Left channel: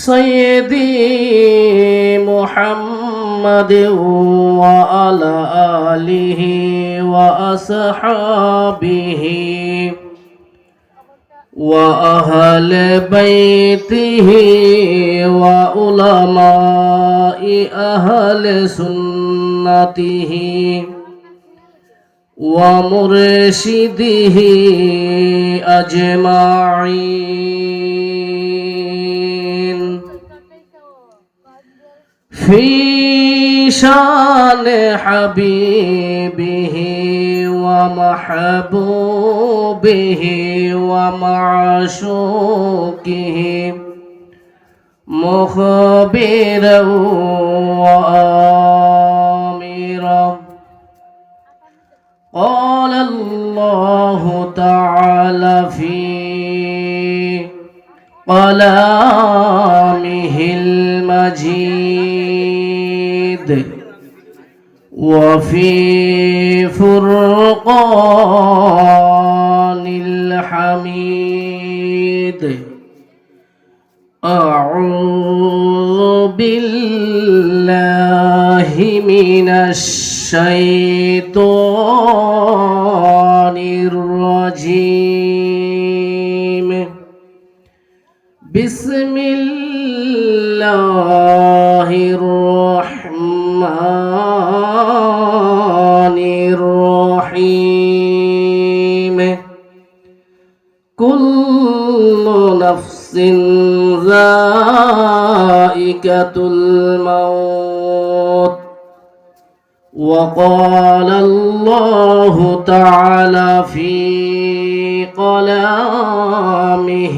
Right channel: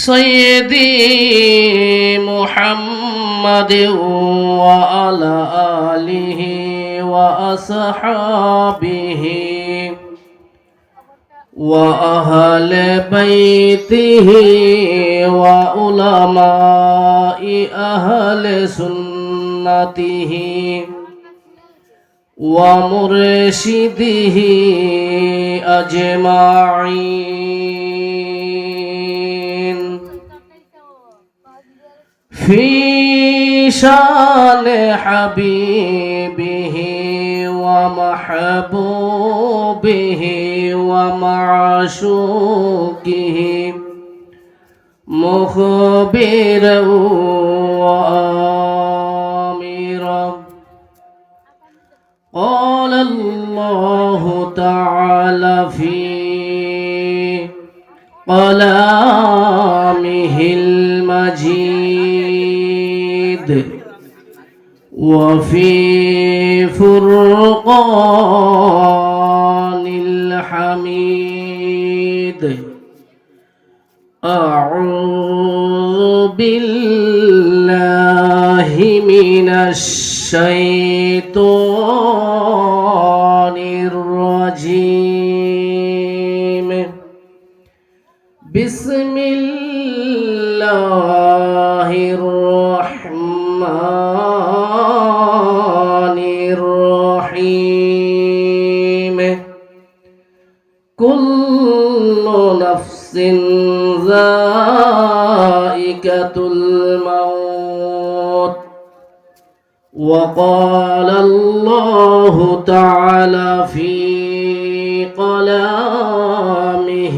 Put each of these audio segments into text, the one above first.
سيدي محمد وعلى آله وأصحابه وأهل بيته وعلماء أهل سنته ومرشده أجمعين في شان حبيبه ومحبوبه ومعشوقه مخبرا وآمرا. قال الله تعالى في كلامه المجيد وفي فرقان الحميد: أعوذ بالله من الشيطان الرجيم. بسم الله الرحمن الرحيم. كل نفس ذائقة الموت. وقال الله تعالى في كلامه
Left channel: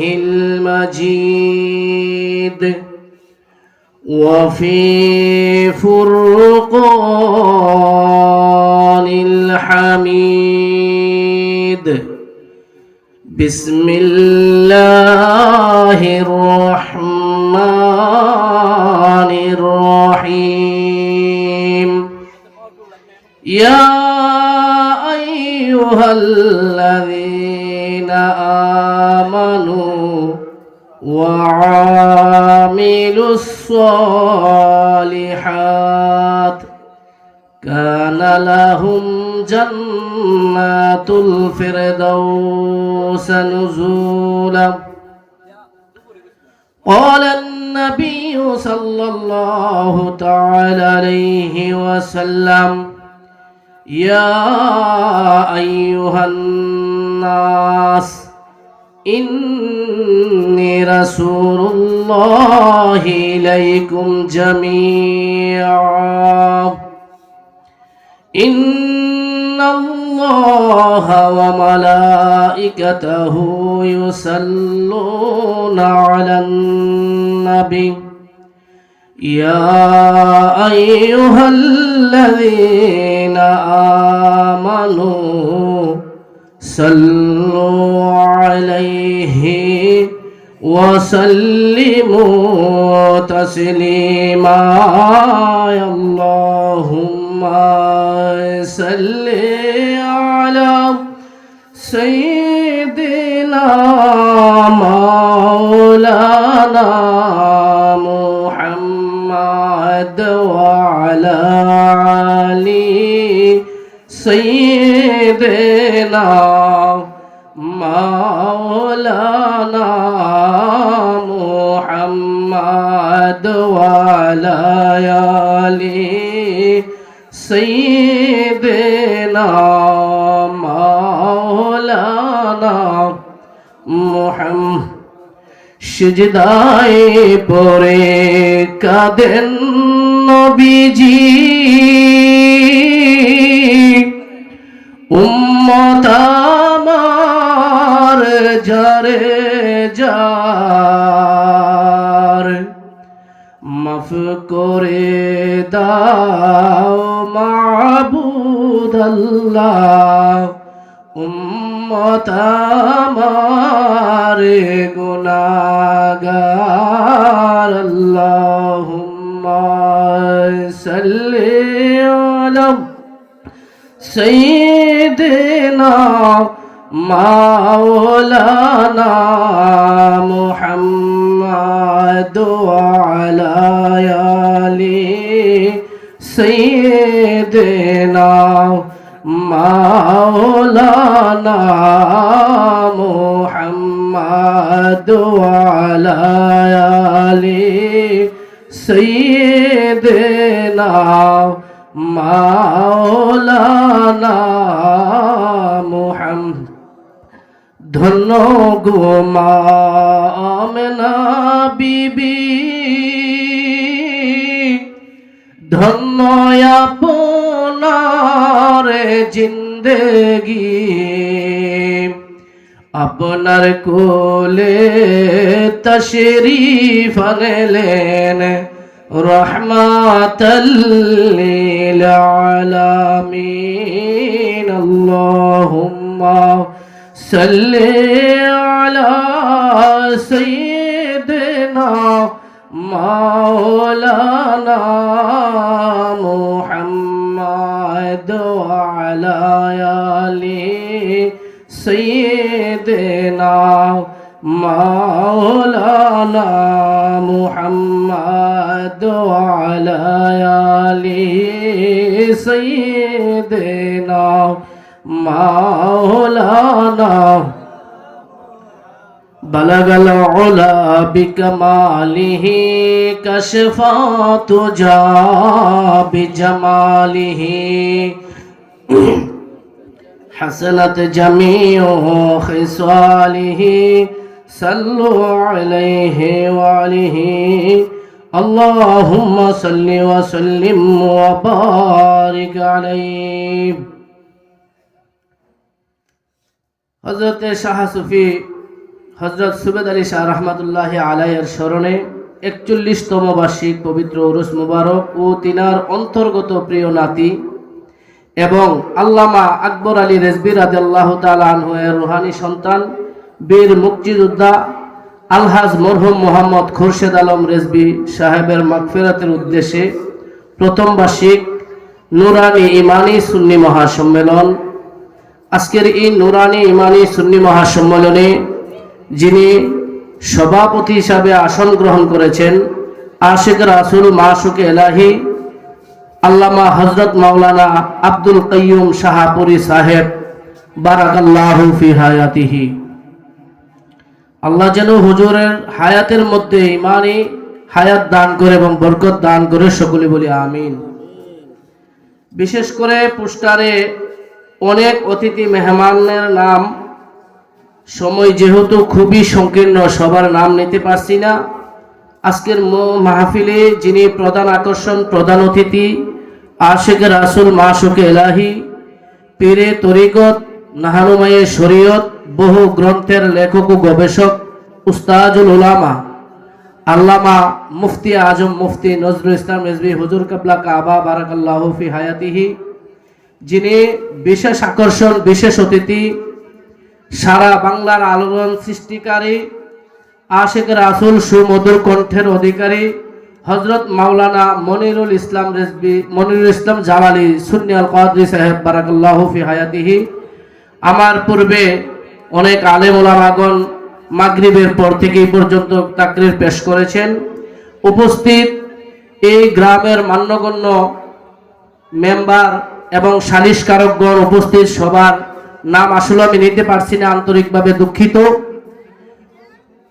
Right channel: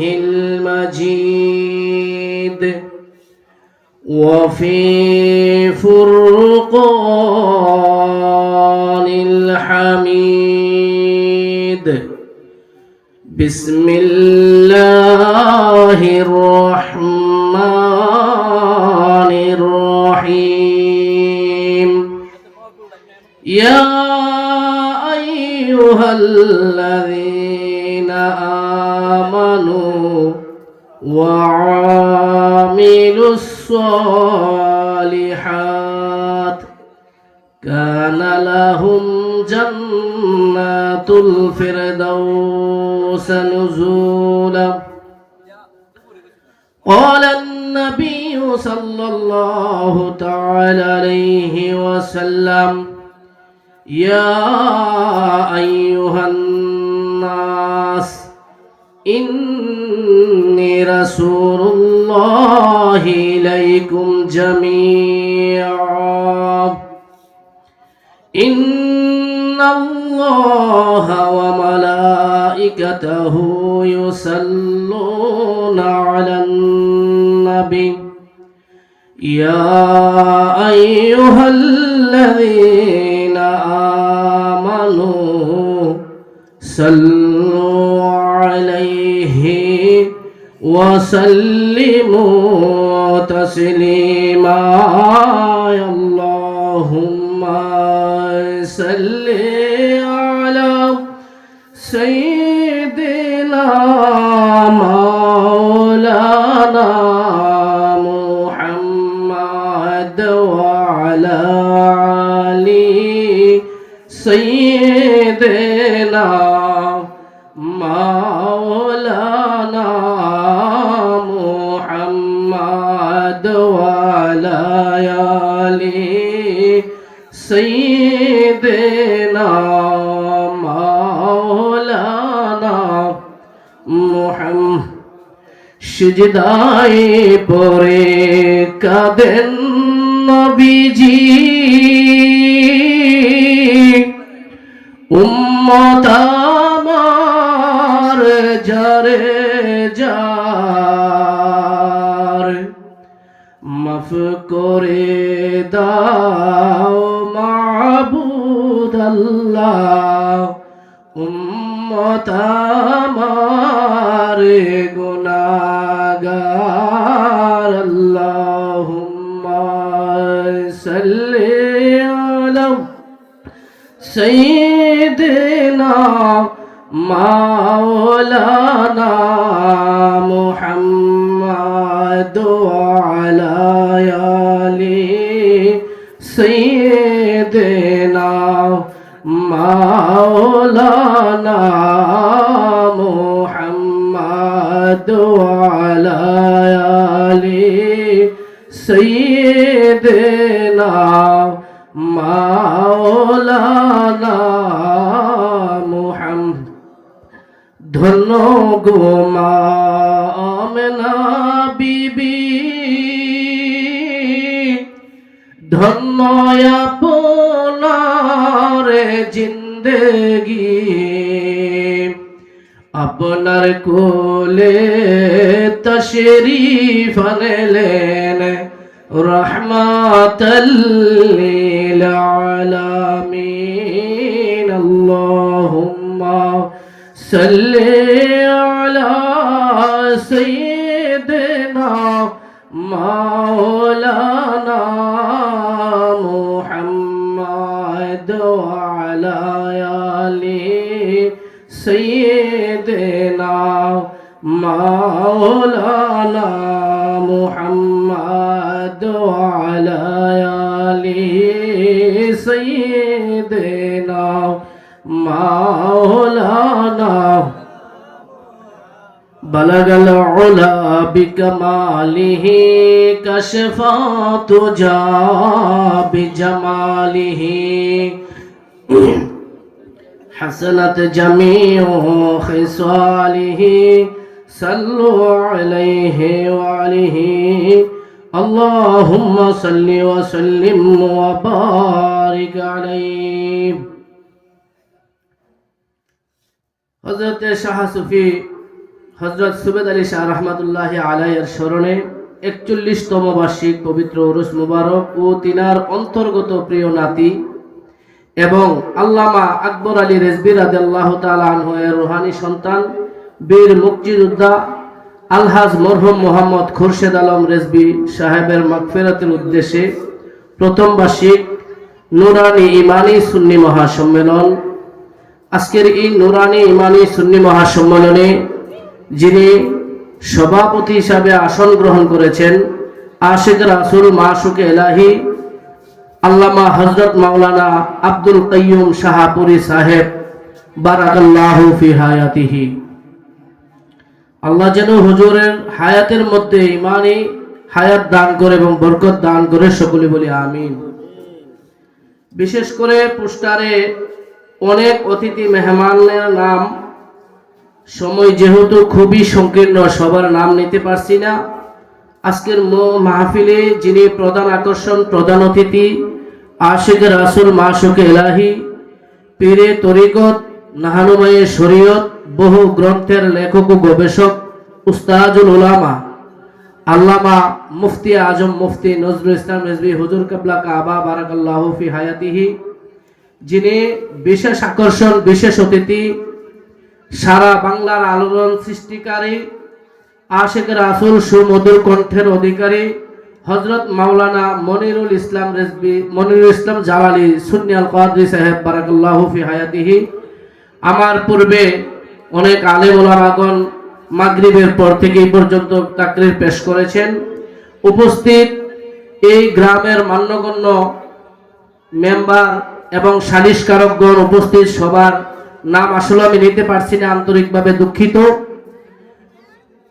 المجيد وفي فرقان الحميد: بسم الله الرحمن الرحيم. يا أيها الذين آمنوا وعاملوا الصالحات كان لهم جنات الفردوس نزولا. قال النبي صلى الله تعالى عليه وسلم: يا أيها الناس إني رسول الله إليكم جميعا. إن الله وملائكته يصلون على النبي يا أيها الذين آمنوا صلوا عليه وسلموا تسليما. اللهم صل على سيدنا مولانا محمد وعلى آل سيدنا مولانا محمد وعلى آل سيدنا مولانا محمد। সিজদায় পড়ে কাঁদেন নবীজি, উম্মত আমার যারে যার মাফ করে দাও মাবুদ আল্লাহ। উম্মত আমার গুনাহগার, আল্লাহুম্মা সাল্লি আলা সাইয়্যিদিনা মাওলানা মুহাম্মদ ওয়ালা আলি সাইয়্যিদিনা মাওলানা মুহাম্মদ ওয়ালা আলি সাইয়্যিদিনা মাওলানা মুহাম্মদ। ধন্য গো মা আমেনা বিবি, ধন্য আপনার জিন্দেগি, আপনার কোলে তশরীফ আনলেন রহমাতাল লিল আলামিন। আল্লাহুম্মা সাল্লি আলা সাইয়্যিদিনা মাওলানা মুহাম্মদ ওয়া আলা আলি সাইয়্যিদিনা মাওলানা মুহাম্মদ ওয়া আলা আলি সাইয়্যিদিনা মাওলানা। বলগল উলা বিকমালিহি কশফাতু জা বিজমালিহি حسنت جميع خصاله صلوا عليه وعليه اللهم صل وسلم وبارك عليه। হযরত শাহ সুফি হযরত সুবেদ আলী শাহ রহমাতুল্লাহি আলাইহির স্মরণে ৪১তম বার্ষিক পবিত্র উরুস মুবারক ও তিনার অন্তর্গত প্রিয় নাতি এবং আল্লামা আকবর আলী রেজভী রাদিয়াল্লাহু তাআলা আনহু এর রুহানি সন্তান বীর মুক্তিযোদ্ধা আলহাজ মরহুম মোহাম্মদ খুরশেদ আলম রেজভী সাহেবের মাগফিরাতের উদ্দেশ্যে প্রথম বার্ষিক নুরানি ইমানি সুন্নি মহাসম্মেলন। আজকের এই নুরানি ইমানি সুন্নি মহাসম্মেলনে যিনি সভাপতি হিসাবে আসন গ্রহণ করেছেন আশিক রাসূল মাশুকে এলাহি আল্লামা হযরত মাওলানা আব্দুল কাইয়ুম শাহপুরী সাহেব বারাকাল্লাহু ফি হায়াতিহি। আল্লাহ যেন হুজুরের হায়াতের মধ্যে ইমানি হায়াত দান করে এবং বরকত দান করে, সকলে বলি আমিন। বিশেষ করে পোস্টারে অনেক অতিথি মেহমানের নাম, সময় যেহেতু খুবই সংকীর্ণ সবার নাম নিতে পারছি না। আজকের মাহফিলে যিনি প্রধান আকর্ষণ, প্রধান অতিথি আশিক রাসূল মাশুকে এলাহি, পীরে তরিকত, নাহানুমায়ে শরীয়ত, বহু গ্রন্থের লেখক ও গবেষক উস্তাজুল উলামা আল্লামা মুফতি আজম মুফতি নজরুল ইসলাম রেজভী হুজুর কিবলা কাবা বারাকাল্লাহু ফি হায়াতিহি, যিনি বিশেষ আকর্ষণ, বিশেষ অতিথি, সারা বাংলার আলোড়ন সৃষ্টিকারী আশিক রাসূল সুমধুর কণ্ঠের অধিকারী হযরত মাওলানা মনিরুল ইসলাম রেজভী, মনিরুল ইসলাম জাওয়ালি সুন্নি আল কাদরি সাহেব বারাকাল্লাহু ফি হায়াতিহি। আমার পূর্বে অনেক আলেম ওলামাগণ মাগরিবের পর থেকে এই পর্যন্ত তাকরীর পেশ করেছেন। উপস্থিত এই গ্রামের মান্যগণ্য মেম্বার এবং সালিশকারকগণ উপস্থিত, সবার নাম আসলে আমি নিতে পারছি না, আন্তরিকভাবে দুঃখিত।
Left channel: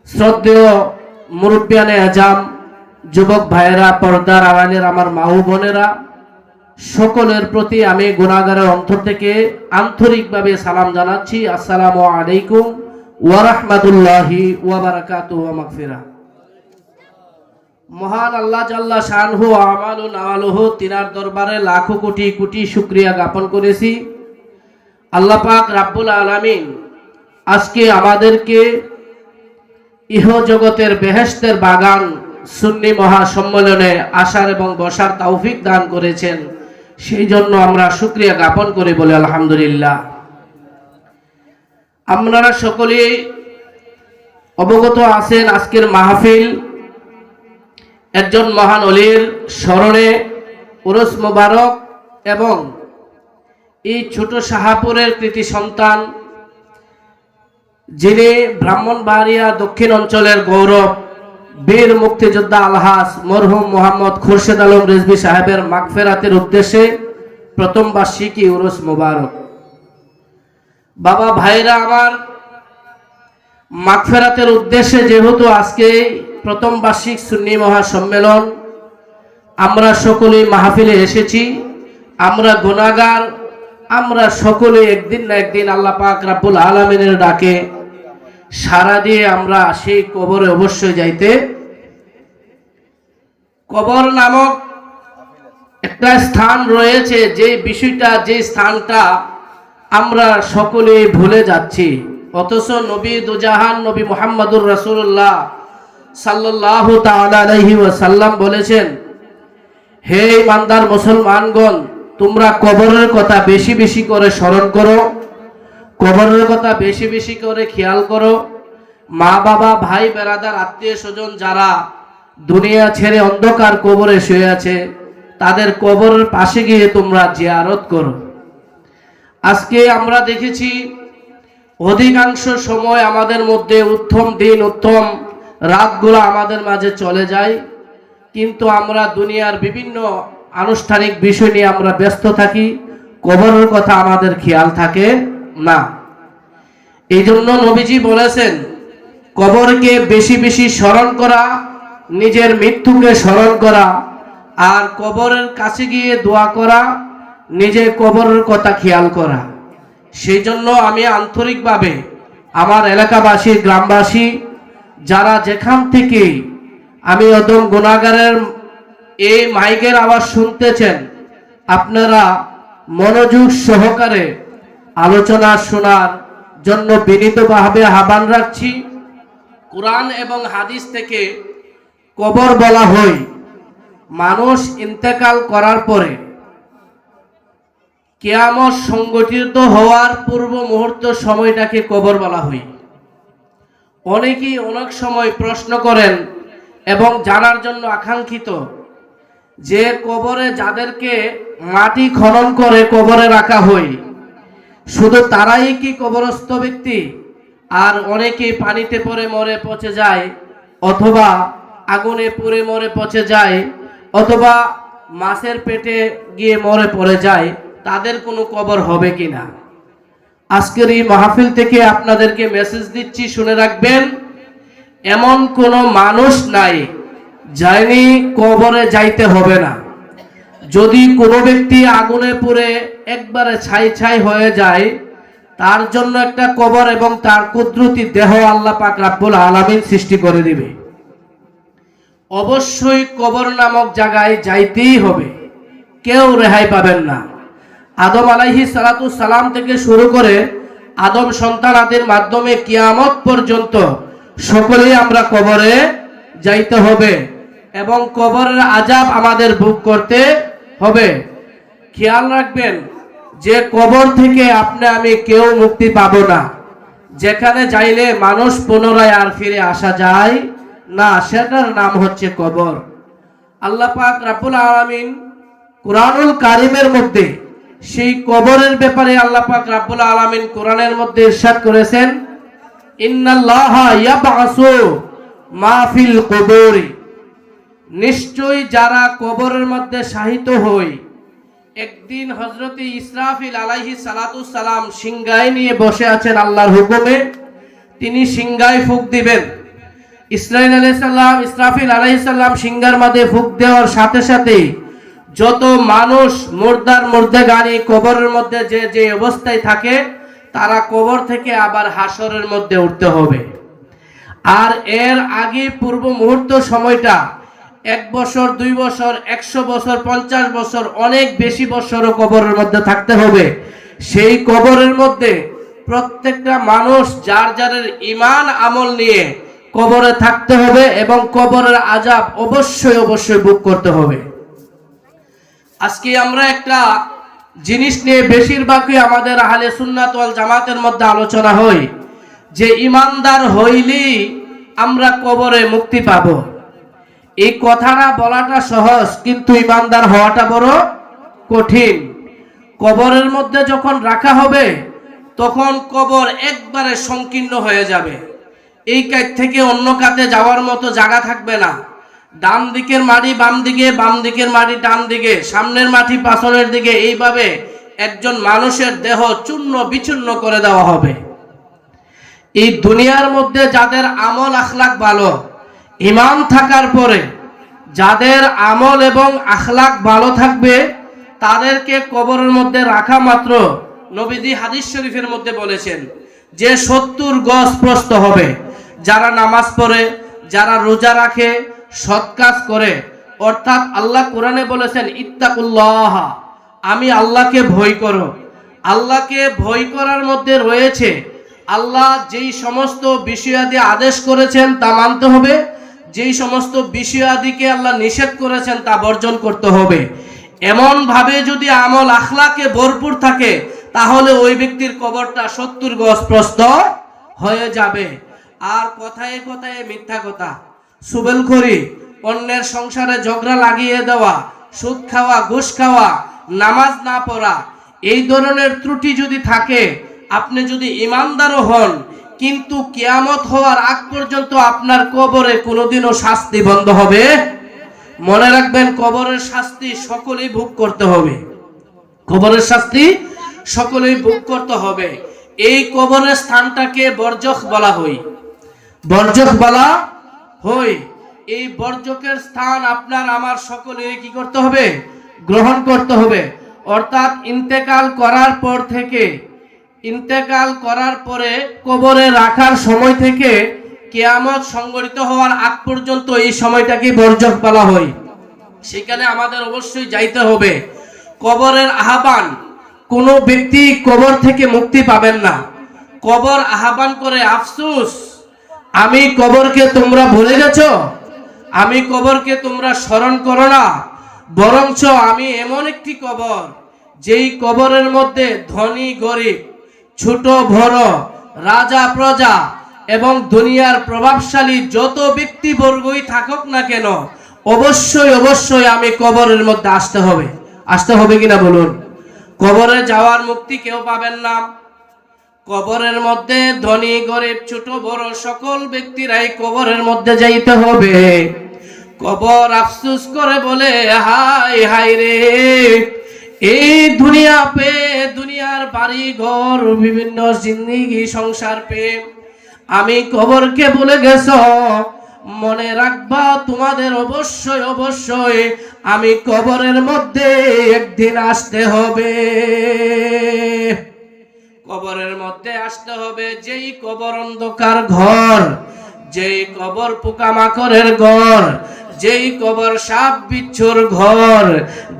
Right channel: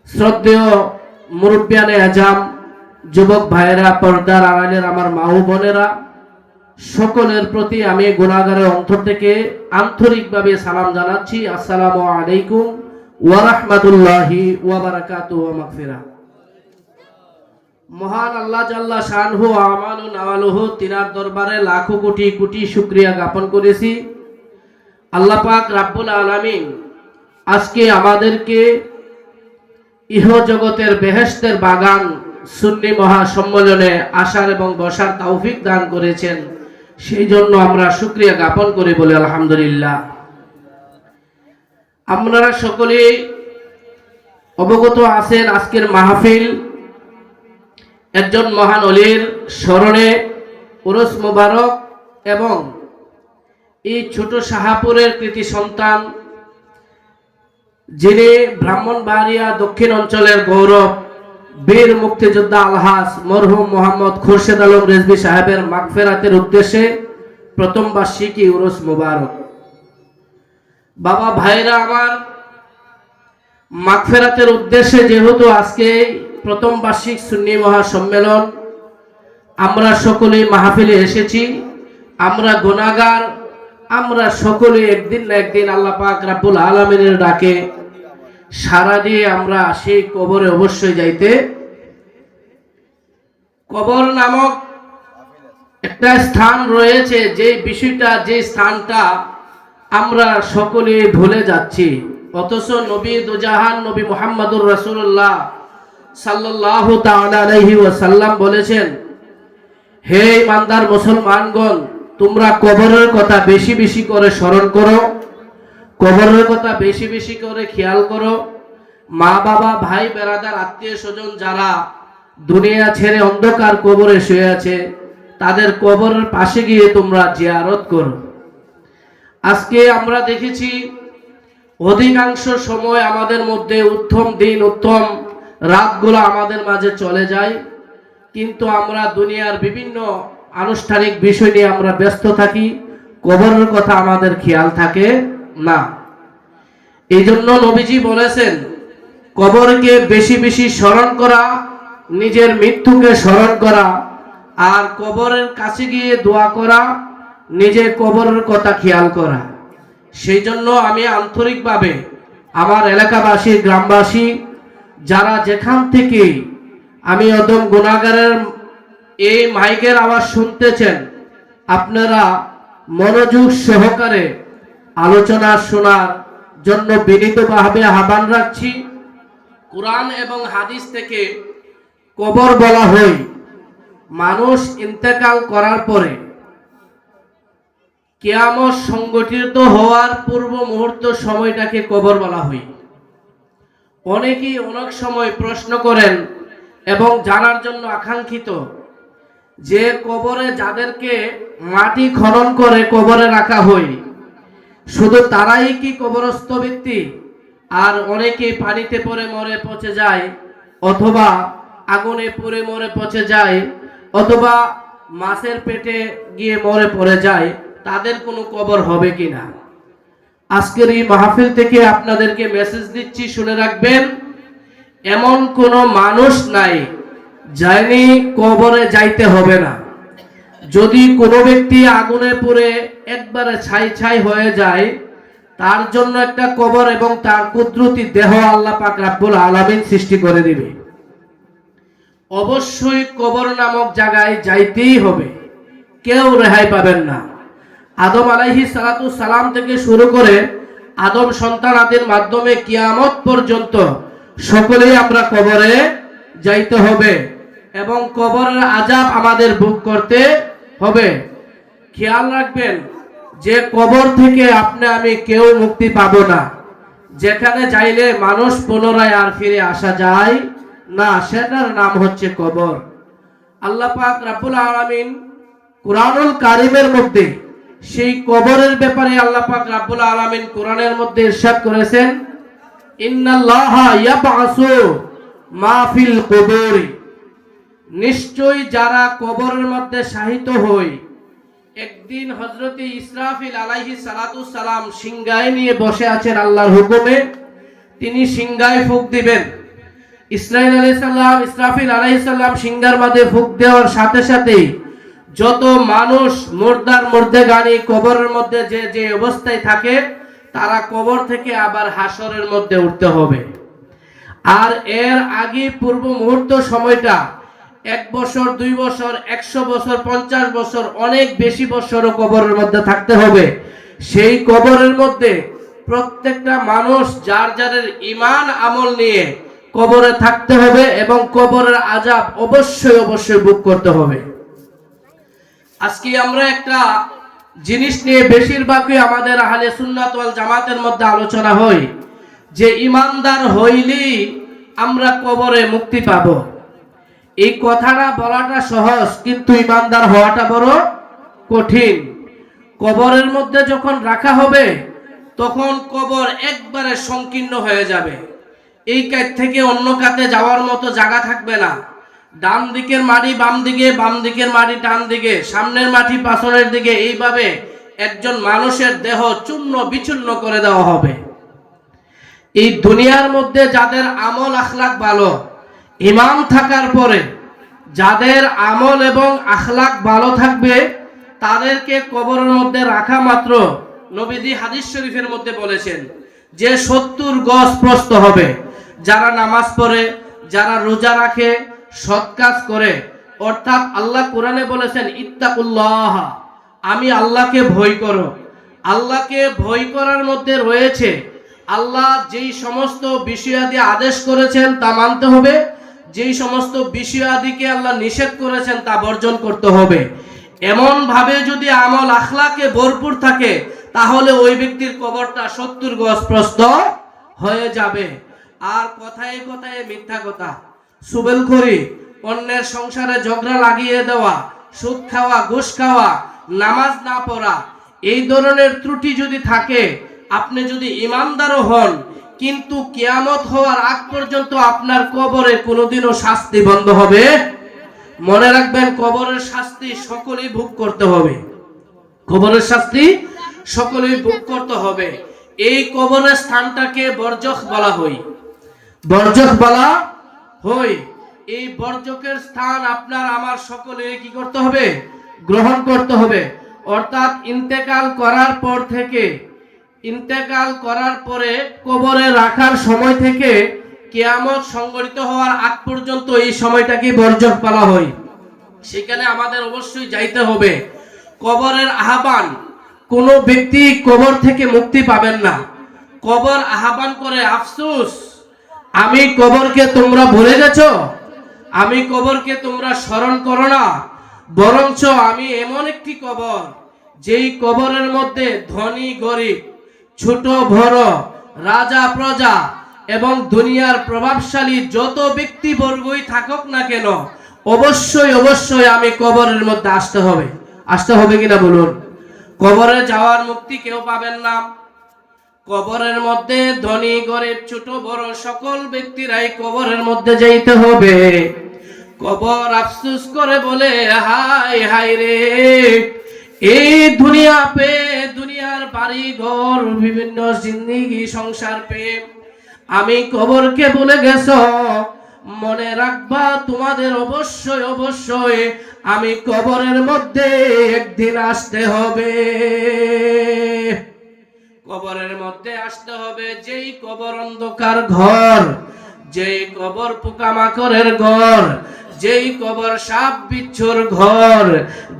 শ্রদ্ধেয় মুরব্বিয়ানে আজাম, যুবক ভাইয়েরা, পর্দার আড়ালের আমার মা ও বোনেরা, সকলের প্রতি আমি গুনাহগারের অন্তর থেকে আন্তরিকভাবে সালাম জানাচ্ছি। আসসালামু আলাইকুম ওয়া রাহমাতুল্লাহি ওয়া বারাকাতুহু ওয়া মাগফিরাহ। মহান আল্লাহ জাল্লা শানহু আমানু নাওয়ালুহু, তিনার দরবারে লাখো কোটি কোটি শুকরিয়া জ্ঞাপন করেছি। আল্লাহ পাক রাব্বুল আলামিন আজকে আমাদেরকে ইহ জগতের বেহেশতের বাগান সুন্নি মহাসম্মেলনে আসার এবং বসার তৌফিক দান করেছেন, সেই জন্য আমরা শুকরিয়া জ্ঞাপন করে বলি আলহামদুলিল্লাহ। আপনারা সকলেই অবগত আছেন আজকের মাহফিল একজন মহান ওলির স্মরণে উরুস মুবারক এবং এই ছোট শাহপুরের কৃতি সন্তান যিনি ব্রাহ্মণবাড়িয়া দক্ষিণ অঞ্চলের গৌরব, বীর মুক্তিযোদ্ধা আলহাজ মরহুম মোহাম্মদ খুরশেদ আলম রেজভী সাহেবের মাগফিরাতের উদ্দেশ্যে প্রথম বার্ষিকী উরুস মুবারক। বাবা ভাইরা আমার, মাগফিরাতের উদ্দেশ্যে যেহেতু আজকে প্রথম বার্ষিক সুন্নি মহাসম্মেলন, আমরা সকলেই মাহফিলে এসেছি। আমরা গুনাহগার, আমরা সকলে একদিন না একদিন আল্লাহ পাক রাব্বুল আলামিনের ডাকে সাড়া দিয়ে আমরা সেই কবরে অবশ্যই যাইতে। কবর নামক একটা স্থান রয়েছে, যে বিষয়টা, যে স্থানটা আমরা সকলে ভুলে যাচ্ছি, অথচ নবী দুজাহান নবী মুহাম্মদুর রাসূলুল্লাহ সাল্লাল্লাহু তাআলা আলাইহি ওয়াসাল্লাম বলেছেন, হে ইমানদার মুসলমানগণ, তোমরা কবরের কথা বেশি বেশি করে স্মরণ করো, কবরের কথা বেশি বেশি করে খেয়াল করো। মা বাবা, ভাই বেরাদার, আত্মীয় স্বজন যারা দুনিয়া ছেড়ে অন্ধকার কবরে শুয়ে আছে, তাদের কবরের পাশে গিয়ে তোমরা জিয়ারত করো। আজকে আমরা দেখেছি অধিকাংশ সময় আমাদের মধ্যে উত্তম দিন, উত্তম রাতগুলো আমাদের মাঝে চলে যায়, কিন্তু আমরা দুনিয়ার বিভিন্ন আনুষ্ঠানিক বিষয় নিয়ে আমরা ব্যস্ত থাকি, কবরের কথা আমাদের খেয়াল থাকে না। এই জন্য নবীজি বলেছেন, কবরকে বেশি বেশি স্মরণ করা, নিজের মৃত্যুকে স্মরণ করা, আর কবরের কাছে গিয়ে দোয়া করা, নিজে কবরের কথা খেয়াল করা। সেই জন্য আমি আন্তরিকভাবে আমার এলাকাবাসী, গ্রামবাসী, যারা যেখান থেকে আমি অদম গুনাহগারের এই মাইকের আওয়াজ শুনতেছেন, আপনারা মনোযোগ সহকারে আলোচনা শোনার জন্য বিনীতভাবে আহ্বান রাখছি। কুরআন এবং হাদিস থেকে কবর বলা হয় মানুষ ইন্তেকাল করার পরে কিয়ামত সংগঠিত হওয়ার পূর্ব মুহূর্ত সময়টাকে কবর বলা হয়। অনেকেই অনেক সময় প্রশ্ন করেন এবং জানার জন্য আকাঙ্ক্ষিত যে কবরে যাদেরকে মাটি খনন করে কবরে রাখা হয়, শুধু তারাই কি কবরস্থ ব্যক্তি, আর অনেকে পানিতে পড়ে মরে পচে যায়, অথবা আগুনে পুড়ে মরে পচে যায়, অথবা মাছের পেটে গিয়ে মরে পড়ে যায়, তাদের কোনো কবর হবে কিনা? আজকের এই মাহফিল থেকে আপনাদেরকে মেসেজ দিচ্ছি, শুনে রাখবেন, এমন কোনো মানুষ নাই যায়নি কবরে যাইতে হবে না। যদি কোনো ব্যক্তি আগুনে পুড়ে একবারে ছাই ছাই হয়ে যায়, তার জন্য একটা কবর এবং তার কুদরতি দেহ আল্লাহ পাক রাব্বুল আলামিন সৃষ্টি করে দিবে। অবশ্যই কবর নামক জায়গায় যাইতেই হবে, কেউ রেহাই পাবেন না। আদম আলাইহিস সালাতু সালাম থেকে শুরু করে আদম সন্তানাদের মাধ্যমে কিয়ামত পর্যন্ত সকলেই আমরা কবরে যাইতে হবে এবং কবরের আযাব আমাদের ভোগ করতে হবে। খেয়াল রাখবেন যে কবর থেকে আপনি আমি কেউ মুক্তি পাবো না। যেখানে যাইলে মানুষ পুনরায় আর ফিরে আসা যায় না, সেটার নাম হচ্ছে কবর। আল্লাহ পাক রাব্বুল আলামিন কুরআনুল কারীমের মধ্যে সেই কবরের ব্যাপারে আল্লাহ পাক রাব্বুল আলামিন কোরআনের মধ্যে ইরশাদ করেছেন, ইন্নাল্লাহা ইয়াবআসু মা ফিল কুবুর, নিশ্চয়ই যারা কবরের মধ্যে শায়িত হয়, একদিন হযরতে ইসরাফিল আলাইহিস সালাতু সালাম সিংহায় নিয়ে বসে আছেন আল্লাহর হুকুমে, তিনি সিংহায় ফুঁক দিবেন। ইসরাফিল আলাইহিস সালাম সিংহার মধ্যে ফুঁক দেওয়ার সাথে সাথে যত মানুষ মুর্দাগানি কবরের মধ্যে যে যে অবস্থায় থাকে, তারা কবর থেকে আবার হাসরের মধ্যে উঠতে হবে। আর এর আগে পূর্ব মুহূর্ত সময়টা 1 বছর, 2 বছর, 100 বছর, 50 বছর, অনেক বেশি বছরও কবরের মধ্যে থাকতে হবে। সেই কবরের মধ্যে প্রত্যেকটা মানুষ যার যার ঈমান আমল নিয়ে কবরে থাকতে হবে এবং কবরের আযাব অবশ্যই অবশ্যই ভোগ করতে হবে। আজকে আমরা একটা জিনিস নিয়ে বেশিরভাগই আমাদের আহলে সুন্নাত ওয়াল জামাতের মধ্যে আলোচনা হয় যে ঈমানদার হইলেই আমরা কবরে মুক্তি পাব। এই কথাটা বলাটা সহজ, কিন্তু ঈমানদার হওয়াটা বড় কঠিন। কবরের মধ্যে যখন রাখা হবে, তখন কবর একবারে সংকীর্ণ হয়ে যাবে। এই কাত থেকে অন্য কাতে যাওয়ার মতো জায়গা থাকবে না। ডান দিকের মাটি বাম দিকে, বাম দিকের মাটি ডান দিকে, সামনের মাটি পাছনের দিকে, এইভাবে একজন মানুষের দেহ চূর্ণ বিচূর্ণ করে দেওয়া হবে। এই দুনিয়ার মধ্যে যাদের আমল আখলাক ভালো, ঈমান থাকার পরে যাদের আমল এবং আখলাক ভালো থাকবে, তাদেরকে কবরের মধ্যে রাখা মাত্র নবীজি হাদিস শরীফের মধ্যে বলেছেন যে 70 গজ প্রস্থ হবে। যারা নামাজ পড়ে, যারা রোজা রাখে, সৎ কাজ করে, অর্থাৎ আল্লাহ কোরআনে বলেছেন ইত্তাকুল্লাহ, আমি আল্লাহকে ভয় করো। আল্লাহকে ভয় করার মধ্যে রয়েছে আল্লাহ যেই সমস্ত বিষয়াদি আদেশ করেছেন তা মানতে হবে, যেই সমস্ত বিষয়াদিকে আল্লাহ নিষেধ করেছেন তা বর্জন করতে হবে। এমন ভাবে যদি আমল আখলাকে ভরপুর থাকে, তাহলে ওই ব্যক্তির কবরটা 70 গজ প্রস্থ হয়ে যাবে। আর কথায় কথায় মিথ্যা কথা, সুবেলখড়ি, অন্যের সংসারে ঝগড়া লাগিয়ে দেওয়া, সুদ খাওয়া, ঘুষ খাওয়া, নামাজ না পড়া, এই ধরনের ত্রুটি যদি থাকে, আপনি যদি ইমানদারও হন, কিন্তু কিয়ামত হওয়ার আগ পর্যন্ত আপনার কবরে কোনোদিনও শাস্তি বন্ধ হবে। মনে রাখবেন, কবরের শাস্তি সকলেই ভোগ করতে হবে। কবরের শাস্তি সকলেই ভোগ করতে হবে। এই কবরের স্থানটাকে বরজখ বলা হয়। বরজখ বলা হয়। এই বরজখের স্থান আপনার আমার সকলে কি করতে হবে? গ্রহণ করতে হবে। অর্থাৎ ইন্তেকাল করার পর থেকে, ইন্তেকাল করার পরে কবরে রাখার সময় থেকে কিয়ামত সংঘটিত হওয়ার আগ পর্যন্ত এই সময়টাকে বরজখ বলা হয়। সেখানে আমাদের অবশ্যই যাইতে হবে। কবরের আহ্বান, কোনো ব্যক্তি কবর থেকে মুক্তি পাবেন না। কবর আহ্বান করে, আফসোস, আমি কবরকে তোমরা ভুলে গেছো, আমি কবরকে তোমরা স্মরণ করো না। বরঞ্চ আমি এমন একটি কবর, যেই কবরের মধ্যে ধনী গরিব, ছোট বড়, রাজা প্রজা এবং দুনিয়ার প্রভাবশালী যত ব্যক্তিবর্গই থাকুক না কেন, অবশ্যই অবশ্যই আমি কবরের মধ্যে আসতে হবে। আসতে হবে কিনা বলুন? কবরে যাওয়ার মুক্তি কেউ পাবেন না। কবরের মধ্যে ধনী গরিব ছোট বড় সকল ব্যক্তিরাই কবরের মধ্যে যাইতে হবে। কবর আফসোস করে বলে, হাই হাই রে, এই দুনিয়া পে, দুনিয়ার বাড়ি ঘর, বিভিন্ন জিন্দেগি সংসার পে আমি কবরকে বলে গেছ। মনে রাখবা, তোমাদের অবশ্যই অবশ্যই আমি কবরের মধ্যে একদিন আসতে হবে। কবরের মধ্যে আসতে হবে। যেই কবর অন্ধকার ঘর, যেই কবর পোকামাকড়ের ঘর, যেই কবর সাপ বিচ্ছুর ঘর,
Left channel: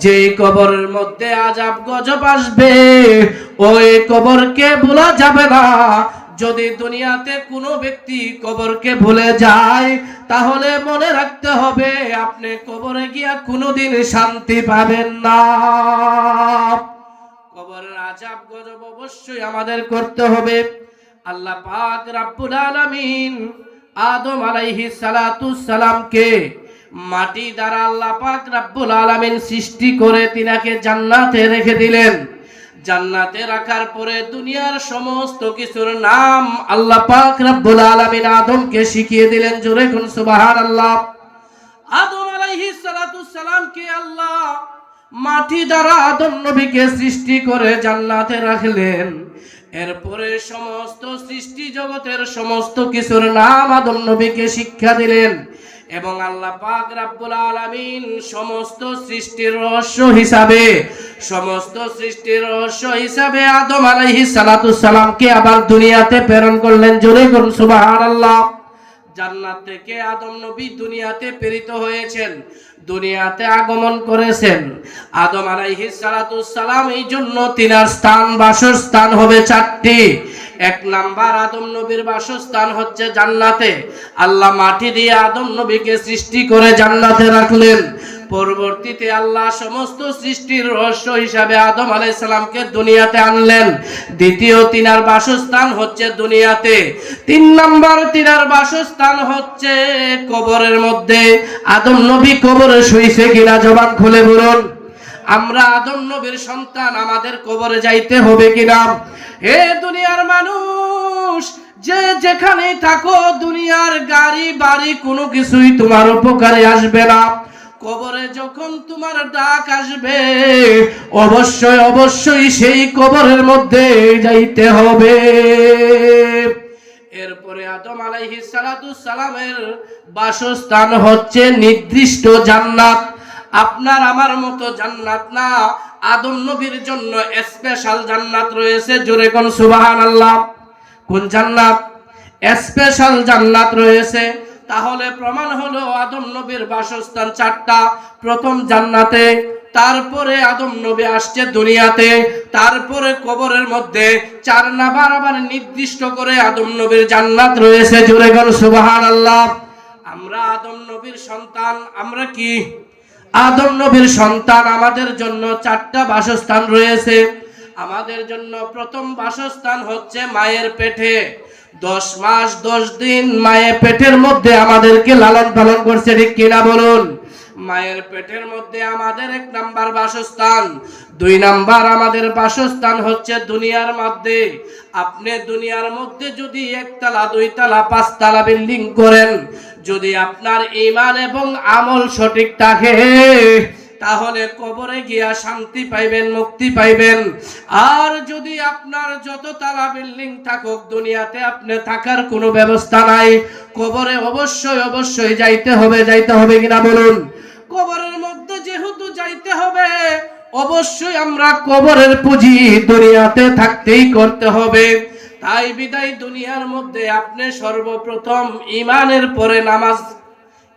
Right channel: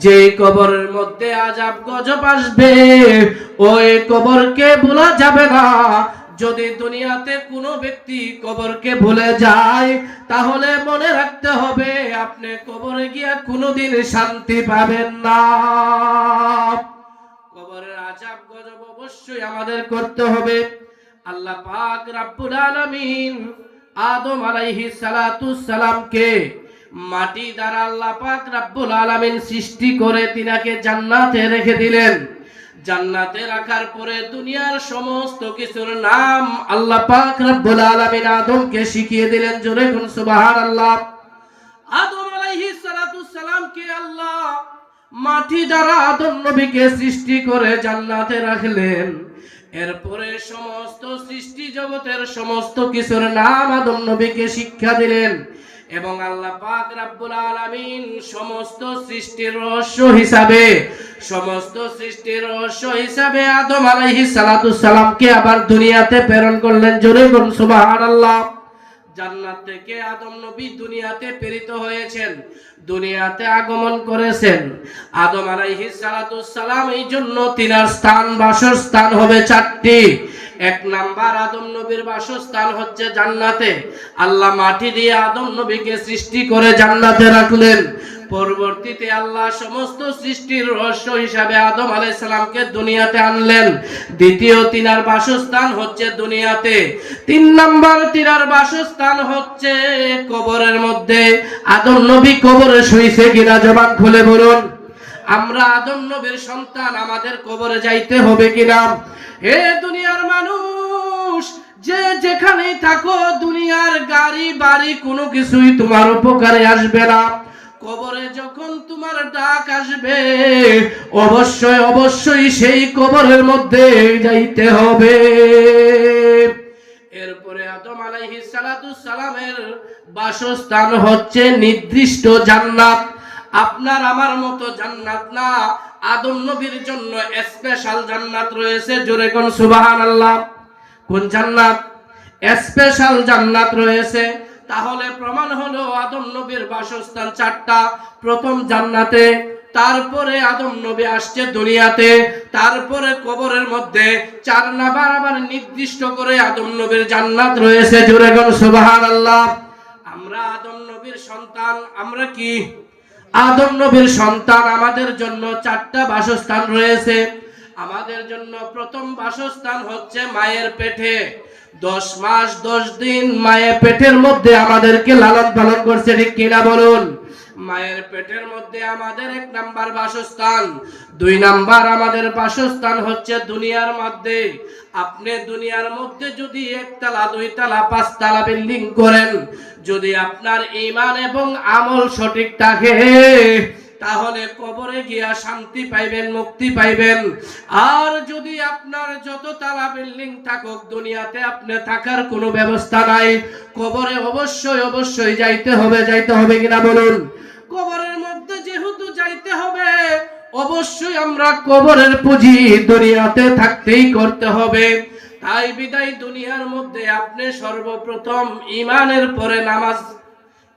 যেই কবরের মধ্যে আযাব গজব আসবে, ওই কবরকে ভোলা যাবে না। যদি দুনিয়াতে কোনো ব্যক্তি কবরকে ভুলে যায়, তাহলে মনে রাখতে হবে আপনি কবরে গিয়া কোনোদিন শান্তি পাবেন না। কবরের আযাব গজব অবশ্যই আমাদের করতে হবে। আল্লাহ পাক রব্বুল আলামিন আদম আলাইহিস সালাতুস সালামকে মাটি দ্বারা আল্লাহ পাক রব্বুল আলামিন সৃষ্টি করে তিনাকে জান্নাতে রেখে দিলেন। জান্নাতে রাখার পরে দুনিয়ার সমস্ত কিছুর নাম আল্লাহ পাক রব্বুল আলামিন আদমকে শিখিয়ে দিলেন। জোরে কোন সুবহানাল্লাহ। আদম আলাইহিস সালাতুস সালামকে আল্লাহ মাটি দ্বারা আদম নবীকে সৃষ্টি করে জান্নাতে রাখলেন। এরপরে সমস্ত সৃষ্টি জগতের সমস্ত কিছুর নাম আদম নবীকে শিক্ষা দিলেন। এবং আল্লাহ পাক রব্বুল আলামিন সমস্ত সৃষ্টির রহস্য হিসাবে, সমস্ত সৃষ্টির রহস্য হিসাবে আদম আলাইহিস সালাতুস সালামকে আবার দুনিয়াতে প্রেরণ করলেন। জোরে কোন সুবহানাল্লাহ। জান্নাত থেকে আদম নবী দুনিয়াতে প্রেরিত হয়েছেন, দুনিয়াতে আগমন করেছেন। আদম আলাইহিস সালাতুস সালাম, এই জন্য তিনার স্থান, বাসস্থান হবে 4টি। 1 নাম্বার, আদম নবীর বাসস্থান হচ্ছে জান্নাতে। আল্লাহ মাটি দিয়ে আদম নবীকে সৃষ্টি করে জান্নাতে রাখলেন। পরবর্তীতে আল্লাহ সমস্ত সৃষ্টির রহস্য হিসাবে আদম আলাইহিস সালামকে দুনিয়াতে আনলেন। দ্বিতীয় তিনার বাসস্থান হচ্ছে দুনিয়াতে। 3 নাম্বার তিনার বাসস্থান হচ্ছে কবরের মধ্যে। আদম নবী কবরে শুইছে কিনা জবান খুলে বলুন। আমরা আদম নবীর সন্তান, আমাদের কবরে যাইতে হবে কিনা? এ দুনিয়ার মানুষ, যে যেখানে থাকো, দুনিয়ার গাড়ি বাড়ি কোনো কিছুই তোমার উপকারে আসবে না। কবরে যখন তোমার ডাক আসবে, অবশ্যই অবশ্যই সেই কবরের মধ্যে যাইতে হবে। এরপরে আদম আলাইহিস সালাতুস সালামের বাসস্থান হচ্ছে নির্দিষ্ট জান্নাত। আপনার আমার মতো জান্নাত না, আদম নবীর জন্য স্পেশাল জান্নাত রয়েছে। জোরে কোন সুবহানাল্লাহ। কোন জান্নাত? স্পেশাল জান্নাত রয়েছে। তাহলে প্রমাণ হলো আদম নবীর বাসস্থান চারটা। প্রথম জান্নাতে, তারপরে আদম নবী আসছে দুনিয়াতে, তারপরে কবরের মধ্যে 4 নাম্বার আবার নির্দিষ্ট করে আদম নবীর জান্নাত রয়েছে। জোরে কোন সুবহানাল্লাহ। আমরা আদম নবীর সন্তান। আমরা কি আদম নবীর সন্তান? আমাদের জন্য 4টা বাসস্থান রয়েছে। আমাদের জন্য প্রথম বাসস্থান হচ্ছে মায়ের পেটে। 10 মাস 10 দিন মায়ের পেটের মধ্যে আমাদেরকে লালন পালন করছে, ঠিক কিনা বলুন? মায়ের পেটের মধ্যে আমাদের 1 নাম্বার বাসস্থান। 2 নাম্বার আমাদের বাসস্থান হচ্ছে দুনিয়ার মধ্যে। আপনি দুনিয়ার মধ্যে যদি 1 তলা 2 তলা 5 তলা বিল্ডিং করেন, যদি আপনার ঈমান এবং আমল সঠিক থাকে, তাহলে কবরে গিয়া শান্তি পাইবেন, মুক্তি পাইবেন। আর যদি আপনার যত তালা বিল্ডিং থাকুক, দুনিয়াতে আপনি থাকার কোনো ব্যবস্থা নাই, কবরে অবশ্যই অবশ্যই যাইতে হবে। যাইতে হবে কিনা বলুন? কবরের মধ্যে যেহেতু যাইতে হবে, অবশ্যই আমরা কবরের পুঁজি দুনিয়াতে থাকতেই করতে হবে। তাই বিদায় দুনিয়ার মধ্যে আপনি সর্বপ্রথম ঈমানের পরে নামাজ।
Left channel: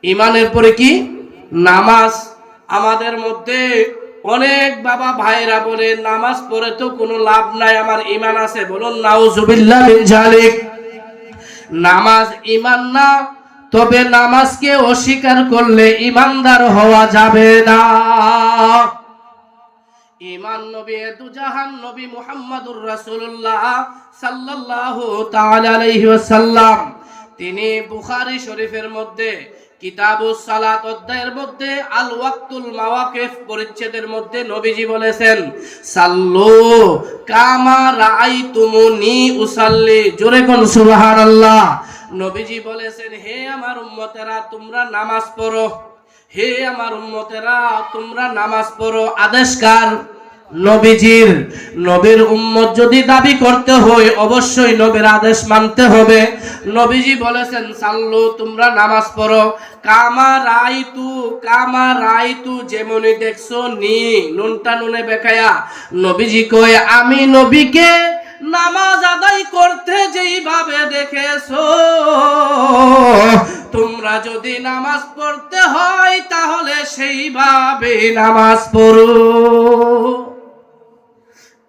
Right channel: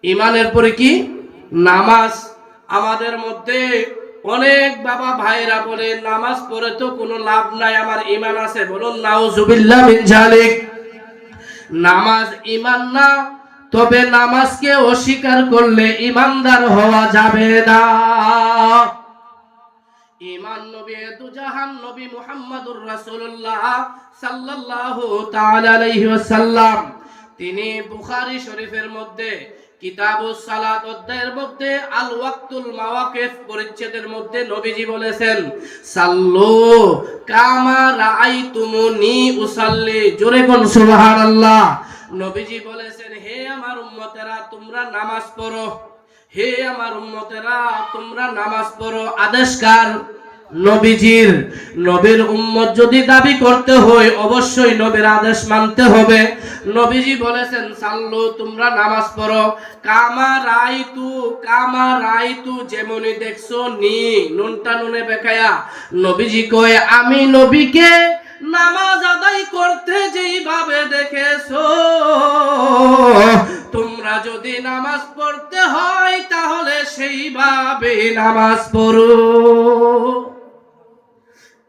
ঈমানের পরে কি? নামাজ। আমাদের মধ্যে অনেক বাবা ভাইরা বলে নামাজ পড়ে তো কোনো লাভ নাই, আমার ঈমান আছে। বলুন নাউজুবিল্লাহ মিন যালিক। নামাজ ঈমান না, তবে নামাজকে অস্বীকার করলে ঈমানদার হওয়া যাবে না। ঈমান নবী দুজাহান নবী মুহাম্মদুর রাসূলুল্লাহ সাল্লাল্লাহু তাআলা আলাইহি ওয়াসাল্লাম, তিনি বুখারী শরীফের মধ্যে কিতাবুস সালাত অধ্যায়ের মধ্যে আল ওয়াক্তুল মাওয়াকিফ পরিচ্ছেদের মধ্যে নবীজি বলেছেন, সাল্লু কামা রাআইতুমুনি উসাল্লি। জোরে কোন সুবহানাল্লাহ। নবীজি বলেছেন, হে আমার উম্মতেরা, তোমরা নামাজ পড়ো। হে আমার উম্মতেরা, তোমরা নামাজ পড়ো। আদেশ কার? নবীজির। নবীর উম্মত যদি দাবি করতে হয়, অবশ্যই নবীর আদেশ মানতে হবে। নবীজি বলেছেন, সাল্লু, তোমরা নামাজ পড়ো। কামা রাইতু, কামা রাইতু, যেমনই দেখছো, নি নুনটা নুনে বেকায়া। নবীজি কয়, আমি নবীকে নামাজ আদায় করতে যেইভাবে দেখেছো, তোমরা যদি নামাজ পড়তে হয় তাহলে সেইভাবে নামাজ পড়ো।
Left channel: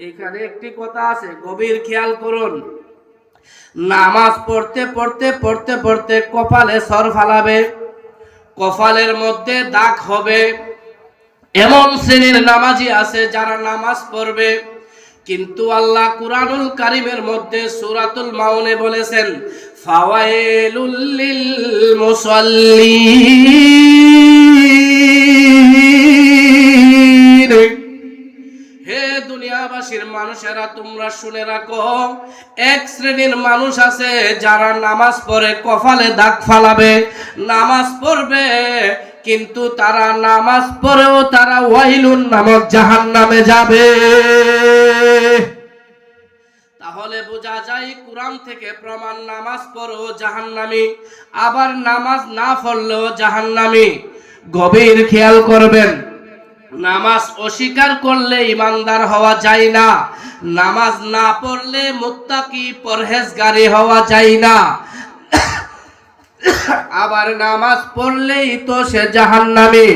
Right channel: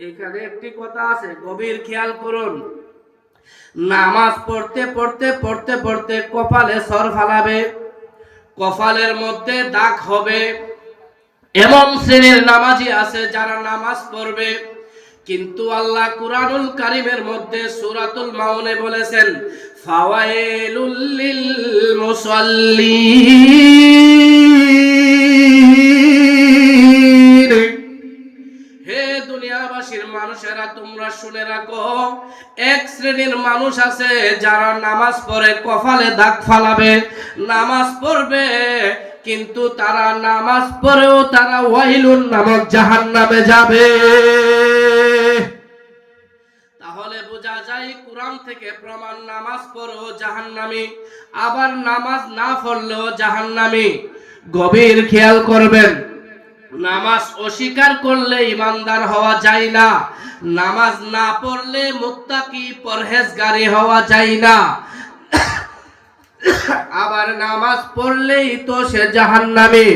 এখানে একটি কথা আছে, গভীর খেয়াল করুন। নামাজ পড়তে পড়তে পড়তে পড়তে কপালে সর ফালাবে, কপালের মধ্যে দাগ হবে। এমন শ্রেণীর নামাজি আছে যারা নামাজ পড়বে, কিন্তু আল্লাহ কুরআনুল কারীমের মধ্যে সূরাতুল মাউনে বলেছেন, ফাওয়াইলুল লিল মুসাল্লিন। হে দুনিয়াবাসীর মানুষেরা, তোমরা শুনে রাখো, এক শ্রেণীর মানুষ আছে যারা নামাজ পড়ে কপালে দাগ ফালাবে, নামাজ পড়বে, কিন্তু তারা নামাজ পড়েও তারা ওয়াইলুন নামক জাহান্নামে যাবে। তাহলে বোঝা যায় কোরআন থেকে প্রমাণ, নামাজ পড়েও জাহান্নামী, আবার নামাজ না পড়লেও জাহান্নামী। গভীর খেয়াল করবেন, নামাজ অস্বীকার করলে ইমানদার হওয়া যায় না, নামাজ না পড়লে মুত্তাকি পরহেজগারি হওয়া যায় না, আবার নামাজ পড়লেই তো সে জাহান্নামী।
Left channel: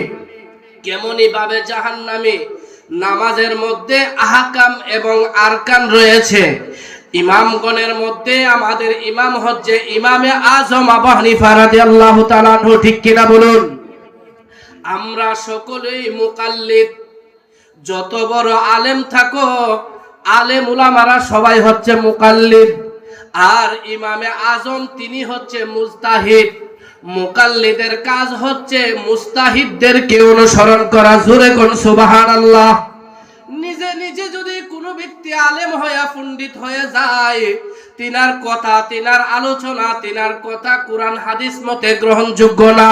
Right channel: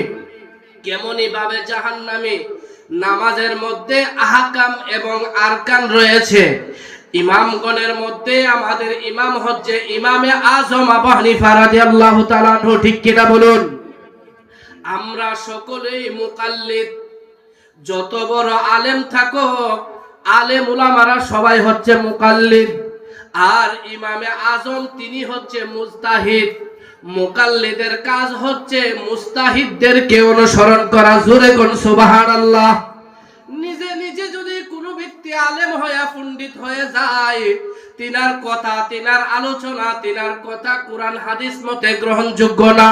কেমনি ভাবে জাহান্নামী? নামাজের মধ্যে আহকাম এবং আরকান রয়েছে। ইমামগণের মধ্যে আমাদের ইমাম হচ্ছে ইমামে আজম আবু হানিফা রাদিয়াল্লাহু তাআলা আনহু, ঠিক কিনা বলুন? আমরা সকলেই মুকাল্লিদ। যত বড় আলেম থাকো, আলেম উলামারা সবাই হচ্ছে মুকাল্লিদ। আর ইমামে আজম তিনি হচ্ছে মুজতাহিদ। মুকাল্লিদের কাজ হচ্ছে মুস্তাহিদদেরকে অনুসরণ করা। জোরে কোন সুবহানাল্লাহ। নিজে নিজে যদি কোনো ব্যক্তি আলেম হয়ে পণ্ডিত হয়ে যায়, তিনার কথা, তিনার আলোচনা, তিনার কথা কোরআন হাদিস মতে গ্রহণযোগ্য না,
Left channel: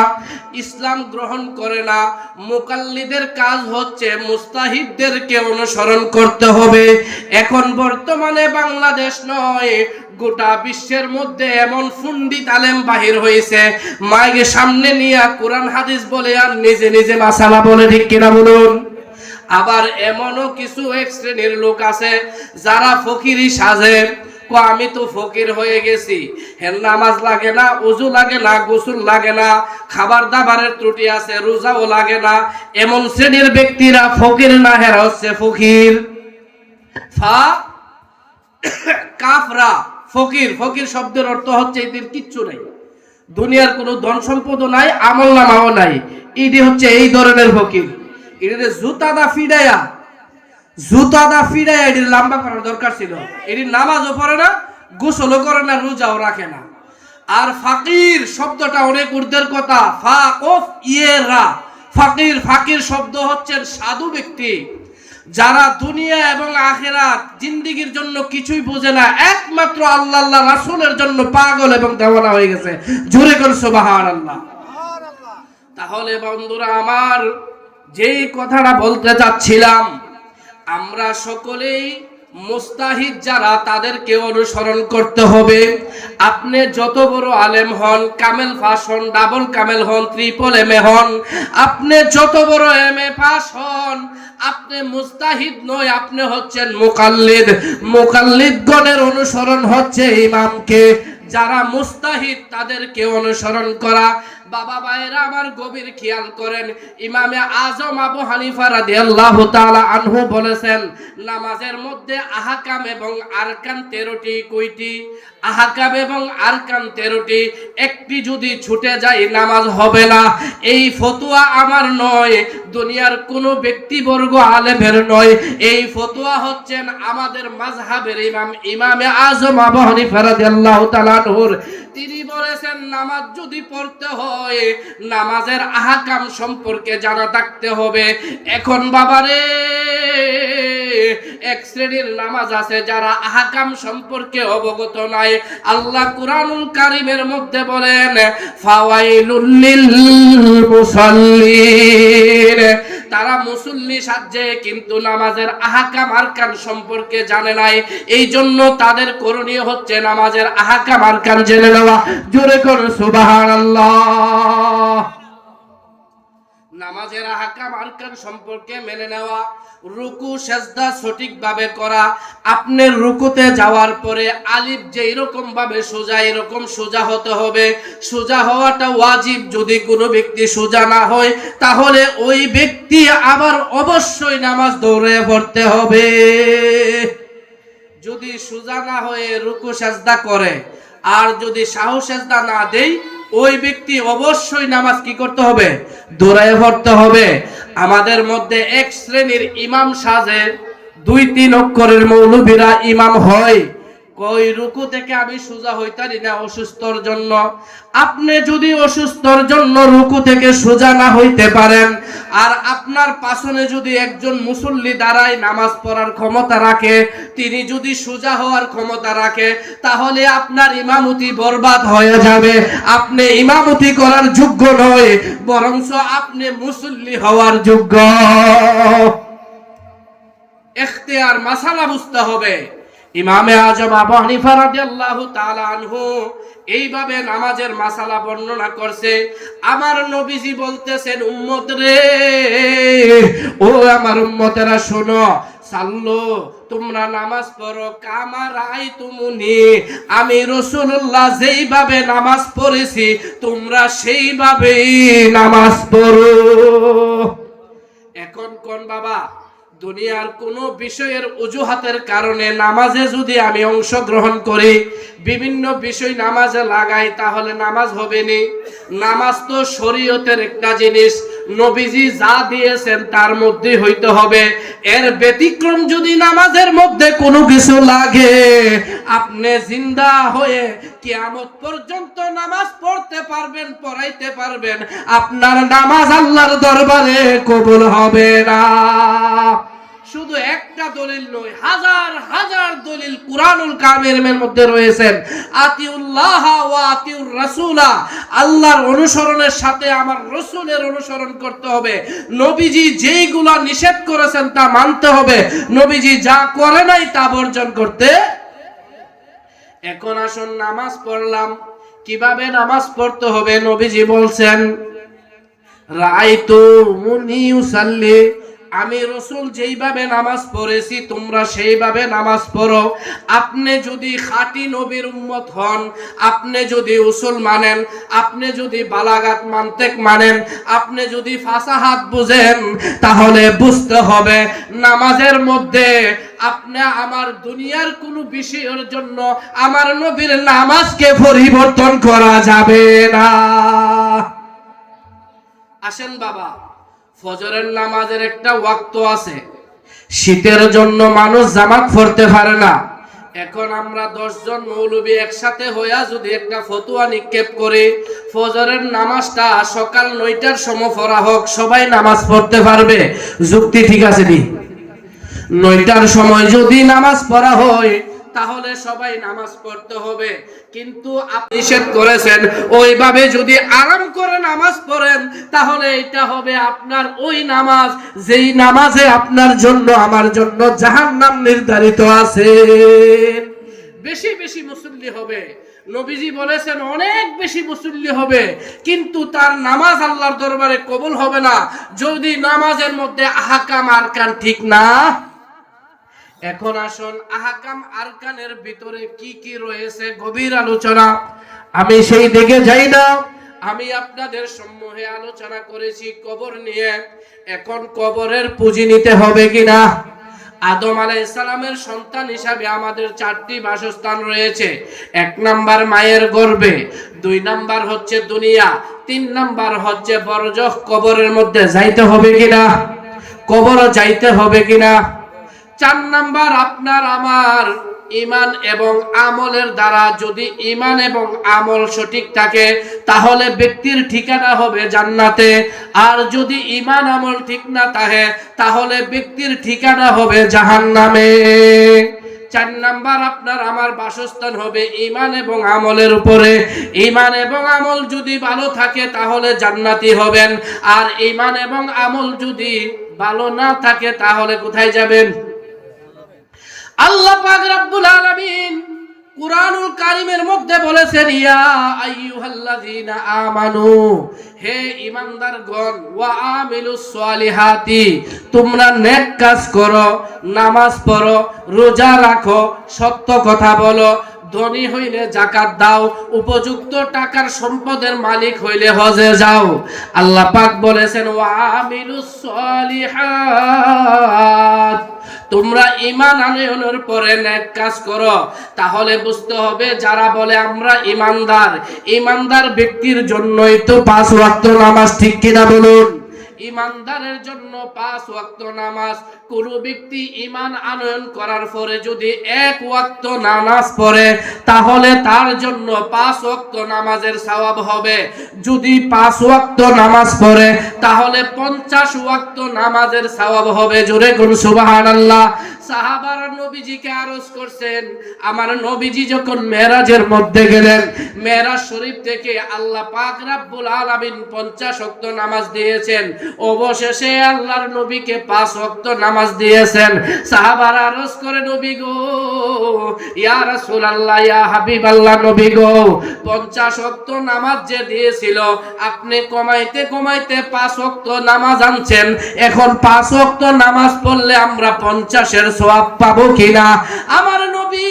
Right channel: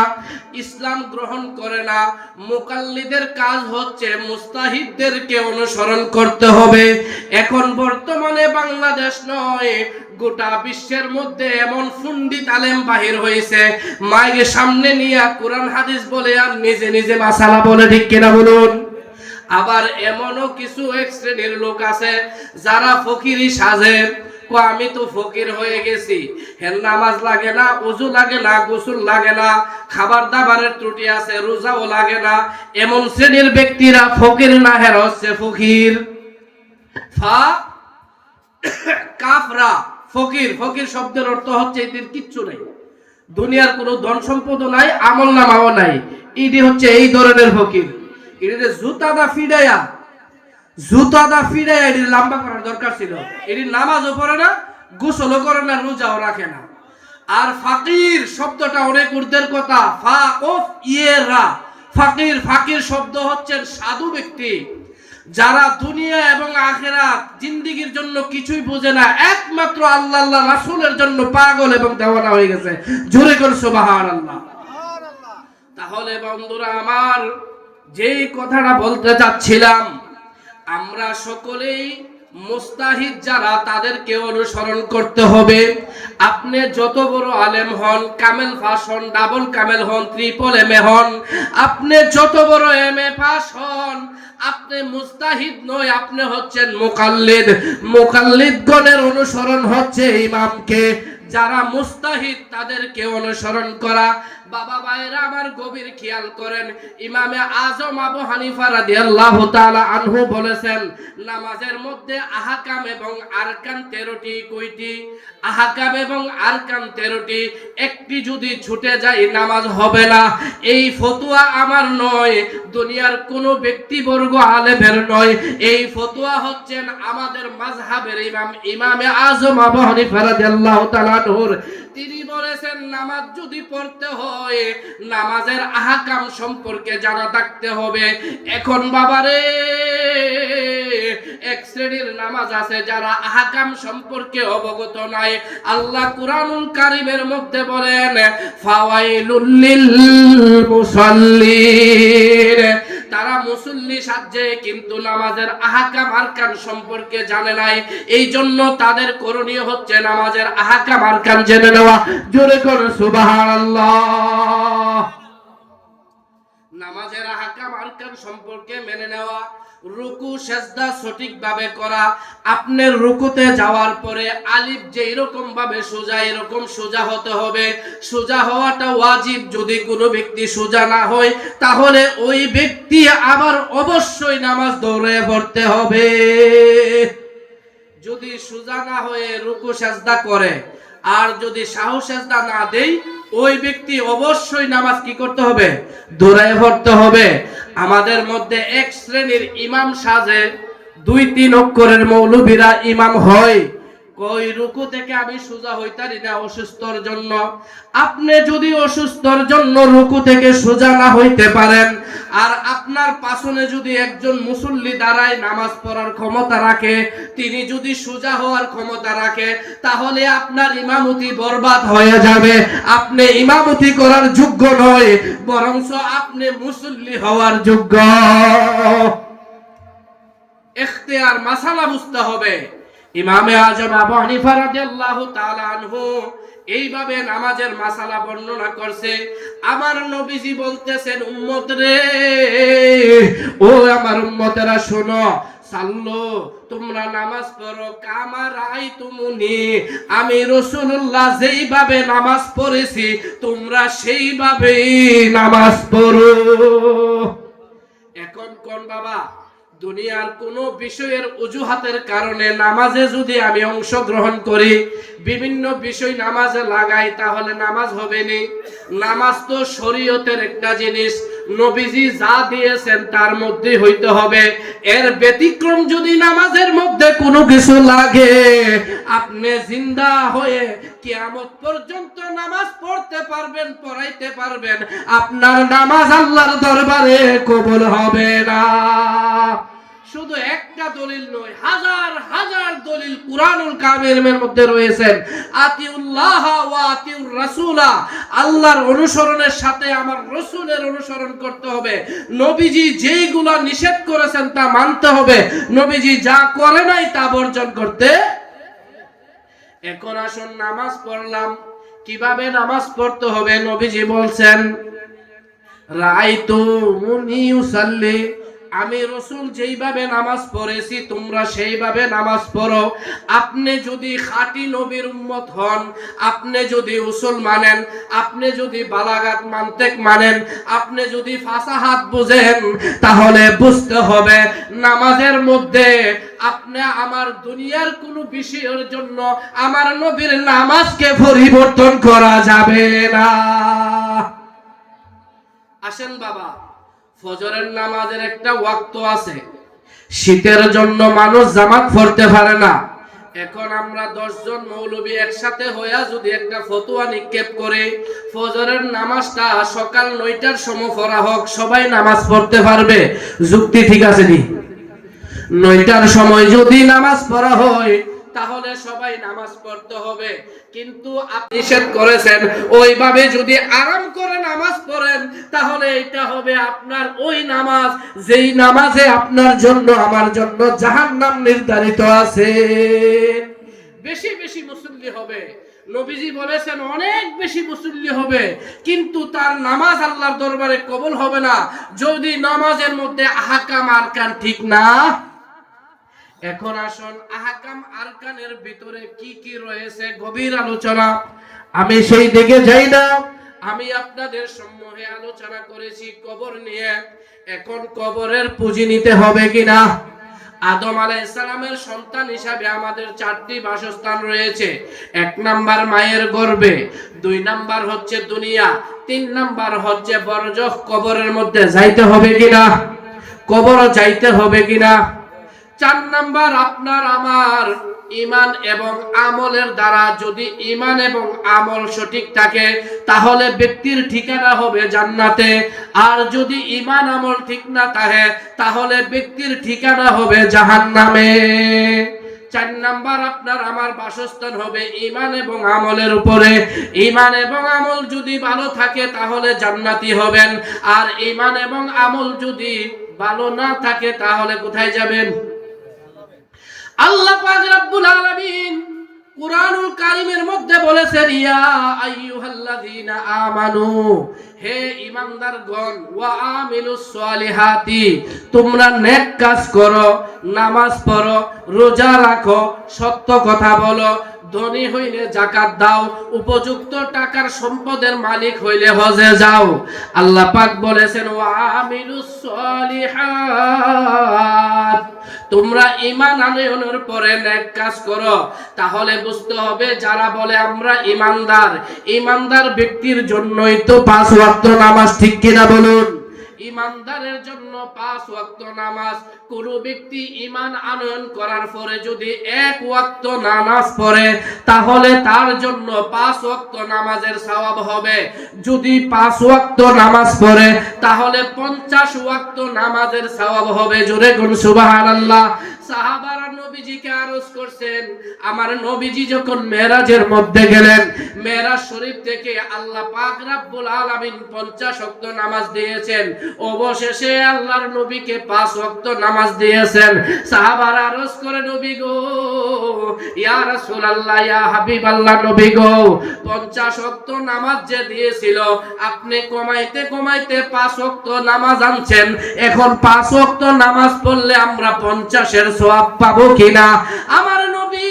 ইসলাম গ্রহণ করে না। মুকাল্লিদের কাজ হচ্ছে মুস্তাহিদদেরকে অনুসরণ করতে হবে। এখন বর্তমানে বাংলাদেশ নয়, গোটা বিশ্বের মধ্যে এমন পণ্ডিত আলেম বাহির হয়েছে, মাইকে সামনে নিয়ে কোরআন হাদিস বলে আর নিজে নিজে মাসালা বলে, ঠিক কিনা বলুন? আবার এমনও কিছু এক শ্রেণীর লোক আছে যারা ফকিরি সাজে, আমি তো ফকির হয়ে গেছি, হের নামাজ লাগে না, ওযু লাগে না, গোসল লাগে না, খাবার দাবারের ত্রুটি আছে, রোজাও লাগে না। এমন শ্রেণীর ব্যক্তিরা ফকির না, হেরা হচ্ছে ফকির। ফা কাফরা ফকির। ফকির শব্দের অর্থ হচ্ছে এদের কিচ্ছু নাই, দুনিয়ার কোনো ধন সম্পদও নাই, আমল নামাও নাই, এটি হচ্ছে এই ধরনের ফকির। এটা জুতাদা ফিডায়া এটি লম্বা করার দরকার ছিল। এটি নামাজও পড়ে না, গোসলও করে না, রোজাও রাখে না। আর ফাকির শব্দটা অনেক ঊর্ধ্বের কথা। ফাকফ ইয়েরা ফাকির। ফাকির শব্দ হচ্ছেন সাধু ব্যক্তি, যারা দুনিয়া এবং আখিরাত জিন্দেগির জন্য কিছুই বোঝে না, একমাত্র আল্লাহ আল্লাহ রাসূলের জন্য পাগল এবং দেওয়ানা হয়ে গেছে। জোরে করে সুবহানাল্লাহ। তাহলে বন্ধুরা আমার, যেই কথাটা বলতে চাচ্ছিলাম, আমরা সকলেই মুস্তাহিদ যারা, তাদেরকে অনুসরণ করতে হবে। আপনি যত বড় আলেম হন, কামেল পাস হন, ডাবল কামেল হন, ট্রিপল এমএ হন, আপনি যত বড় এমএ পাস হন, আপনি মুস্তাহিদ নয়, আপনি হচ্ছেন মুকাল্লিদ। মুকাল্লিদগণের অনুসরণ হচ্ছে ইমামকে। যারা মুস্তাহিদ তাদেরকে অনুসরণ করা। বাবা ভাইরা আমার, গভীর খেয়াল করেন, ইমামে আজম আবু হানিফা রাদিয়াল্লাহু তাআলা আনহু বলেছেন, নামাজের মধ্যে আহকাম এবং আরকান 13টি। কয়টি? আহকাম এবং আরকান 13টি। একটি যদি ছুটে যায় নামাজ হবে না। এই ফতোয়া আমার নয়, দুনিয়ার কোনো ব্যক্তিবর্গ আলেমের নয়। এই ফতোয়া হচ্ছেন আমাদের মাযহাবের ইমাম, ইমামে আজম আবু হানিফা রাদিয়াল্লাহু তাআলা আনহুর। তিনি বলেছেন, নামাজ যদি পড়তে হয়, নামাজের আহকাম সম্পর্কে জানা থাকতে হবে। এখন বাবারে, এক শ্রেণীর নামাজ আছে যারা আহকাম সম্পর্কে অবগত নাই। আল্লাহ কুরআনুল কারীমের মধ্যে বলেন, ফাওয়াইলুল লিল মুসাল্লিন। তারা মুসল্লি সাজে কিন্তু নামাজের আহকাম আরকান সম্পর্কে জানে নাই। এই জন্য তাদের করণীয় হচ্ছে নামাজের আহকাম আরকান জেনে নেওয়া। জোরে করুন সুবহানাল্লাহ। নামাজের আহকাম আরকান সম্পর্কে মেনে নেওয়া। রুকু সেজদা সঠিকভাবে করা। আপনার রুকুতে যাওয়ার পরে আলিফ যেই রকম ভাবে সোজা, এরকম সোজা হতে হবে। সোজা হওয়াটা ওয়াজিব। যদি কোনো ব্যক্তি সোজা না হয়, তাহলে ওই ব্যক্তি আবার অবশ্যই নামাজ দৌড়ে পড়তে হবে। যদি সোজা না হয়ে রুকু সেজদা করে, আর যদি সাহু সেজদা না দেই, ওই ব্যক্তি অবশ্যই নামাজ কি করতে হবে? দৌড়ায় পড়তে হবে। আমাদের মধ্যে এক শ্রেণীর ইমাম সাজে, 2-3 অক্ষরের মৌলবীরা ইমাম হয়। কই রুকু থেকে আমি সোজা হইতারি না অসুস্থর জন্য। আপনি যদি অসুস্থর জন্য রুকু থেকে সোজা না হইতে পারেন, আর আপনার পাশনে যদি একজন মুসল্লি দাঁড়ায় নামাজ পড়ার ক্ষমতা রাখে, তিনি যদি সোজা হওয়ার ক্ষমতা রাখে, তাহলে আপনার ইমামতি বরবাদ হয়ে যাবে। আপনি ইমামতি করার যোগ্য নয়, বরঞ্চ আপনি মুসল্লি হওয়ার যোগ্য। ইখতিয়ার মাসালা বুঝতে হবে। ইমামে আজম আবু হানিফা রাদিয়াল্লাহু তাআলা আনহু এইভাবে নামাজের মাসালা বর্ণনা করছে। আমার নবীজি বলতেছেন, উম্মত রে, ও আমার উম্মতেরা শোনো, সাল্লু, তোমরা নামাজ পড়ো কামা রাআইতুমুনি, আমি রাসূলুল্লাহ যেইভাবে নামাজ পড়েছি তোমরা সেইভাবেই নামাজ পড়ো। এখন কোন বাবা, দুনিয়ার কোনো বিষয়ের অজুহাতের কারণে নামাজে যদি আমি অংশগ্রহণ করি, বিভিন্ন বিষয় নামাজে লাগাই, তাহলে নামাজ হবে না। নামাজ তো শরীয়তের একটা জিনিস। নবীজি যা দিয়েছেন তার মধ্যে হইতে হবে। এর ব্যতিক্রম যদি নামাজের মধ্যে কোনো কিছু লাগে, আপনি জিন্দা হয়ে কিয়ামত পর্যন্ত নামাজ পড়তে পারবেন, পড়াইতে পারবেন, আপনার নামাজ আল্লাহর দরবারে কবুল হবে না। শুধু একটা দলিল নয়, হাজার হাজার দলিল কুরআনুল কারীমের মধ্যে রয়েছেন। আতিউল্লাহ ওয়া আতিউর রাসূলা, আল্লাহর অনুসরণের সাথে আমার রাসূলের অনুসরণ করতে হবে। নবীজি যেইগুলা নিষেধ করেছেন তা মানতে হবে, নবীজি যা করে নাই তা বর্জন করতে। এখন আসুন নামাজ পড়লাম, কিভাবে নামাজ পড়তে হবে? নবীজি বলছেন, রাআইতু মুনি ইউসাল্লি, আমি রাসূল যেইভাবে নামাজ পড়েছি তোমরা সেইভাবে নামাজ পড়ো। আপনি যদি খাঁটি নবীর উম্মত হন, আপনি যদি উসুল মানেন, আপনি যদি বালাগাত মানতেক মানেন, আপনি যদি ফাসাহাত বুঝেন, তাহলে বুঝতে হবে নামাজের মধ্যে আপনি আমার দুনিয়ার কোনো বিষয়ের জন্য আমার নবীর নামাজকে পরিবর্তন করা যাবে না। আসেন বাবা, ফজরের নামাজের একটা ওয়াক্ত আছে। শীতের জন্য মানুষ জামাত পড়তে পারে না। এখন আমরা 10 জন মৌলবী একসাথে হইয়া যদি একটা ফতোয়া নিক্ষেপ করে ফজরের নামাজটা সকাল 9টার সময় পড়া হোক, সবাই নামাজ পড়তে পারবে। যুক্তি ঠিক আছে নি? 9টার সময় যদি নামাজ পড়া হয় তাহলে সবাই নামাজ পড়তে হবে। কিন্তু আপনি নিষেধ করেছেন ওইভাবে যদি আরাম করে নামাজ পড়েন, তাহলে এটা হবে আপনার ওই নামাজ যেই নামাজে আপনার জন্য আমার জন্য জাহান্নাম নির্ধারিত আছে। বেশি বেশি মুসল্লি হবে, নবীজি বলেছেন অনেক বেশি মুসল্লি হবে, কিন্তু তার নামাজ আল্লাহর দরবারে কবুল হবে না যদি নামাজের মধ্যে আহকাম আরকান ঠিক না। এখন আসুন আহকাম আরকানের ভিতরে কি কি রয়েছে গভীর আলোচনা, আমি সেই দিকে যাই না। আমি আপনাদের সম্মুখে আলোচনা করেছি কবর নিয়ে। এখন কবরের পুঁজি নিতে হবে কিনা? আদম আলাইহিস সালামের সন্তান হিসাবে আমাদের 4টি বাসস্থান রয়েছে। 1 নাম্বার মায়ের গর্ভে, 2 নাম্বার হচ্ছে দুনিয়া, 3 নাম্বার হচ্ছে বরজখ। কবরের মধ্যে যাইতে হবে কিনা? কবরও যাইতে হবে কিনা? 4 নাম্বার আপনার আমার ঈমান এবং আমলের দ্বারা যদি ঈমান এবং আমল সঠিক থাকে তাহলে ব্যক্তির ঠিকানা হবে জান্নাতে, আর যদি ঈমান আমল ঠিক না থাকে তাহলে ব্যক্তির ঠিকানা হবে জাহান্নামে। 4 নাম্বার আপনার আমার বাসস্থান হবে ঈমান এবং আমলের উপরে। ঈমান এবং আমল যদি ভালো থাকে তাহলে জান্নাতি হবেন, আর ঈমান এবং আমল যদি ভালো না থাকে তাহলে কোথায় যাবেন? আল্লাহ পাক রব্বুল আলামিন কুরআনুল কারীমের মধ্যে বলেছেন, ইয়া আইয়ুহাল্লাযীনা আমানু, হে ঈমানদারগণ, ওয়া আমিলুস সালিহাতি, তোমরা নেক কাজ করো, নামাজ পড়ো, রোজা রাখো, সত্য কথা বলো, ধনী হইলে যাকাত দাও, উপযুক্ত টাকার সম্পদের মালিক হইলে হজে যাও। আল্লাহ পাক বলেছেন ওয়া আমিলুস সালিহাত, তোমরা ঈমান আনয়নের পরে নেক কাজ করো। তাহলে বুঝতে হবে যারা বলে আমরা ঈমানদার, ঈমানদার ব্যক্তির জন্যই তো 5 ওয়াক্ত নামাজ, ঠিক কিনা বলুন? ঈমানদারের জন্য 5 ওয়াক্ত নামাজ। কোন ব্যক্তি ঈমান আনয়ন করার পরে যদি 1 ওয়াক্ত নামাজ পড়ে তাহলে তার জন্য 5 ওয়াক্ত নামাজের সওয়াব হবে। যদি 5 ওয়াক্ত নামাজ পড়ে তাহলে 50 ওয়াক্ত নামাজের সওয়াব হবে। জোরে কোন সুবহানাল্লাহ। সাহাবারা নবীজিকে আরজ করছেন, আমার নবীজি যখন মেরাজের মধ্যে গেলেন, মেরাজ শরীফ থেকে আল্লাহ পাক রব্বুল আলামিন 50 ওয়াক্ত নামাজ দিয়েছেন। অবশেষে আল্লাহর নবীকে 5 ওয়াক্ত নামাজ দিয়েছেন। সাহাবারা আরজ করে, নবী গো, ইয়া রাসূলুল্লাহ, ইয়া হাবিবাল্লাহ, নবী গো, 50 ওয়াক্ত নামাজ যে দিয়েছিল আপনি কমাইতে কমাইতে 5 ওয়াক্ত নামাজ আনছেন। এখন 5 ওয়াক্ত নামাজ পড়লে আমরা 50-এর সওয়াব পাবো কিনা? আমার নবী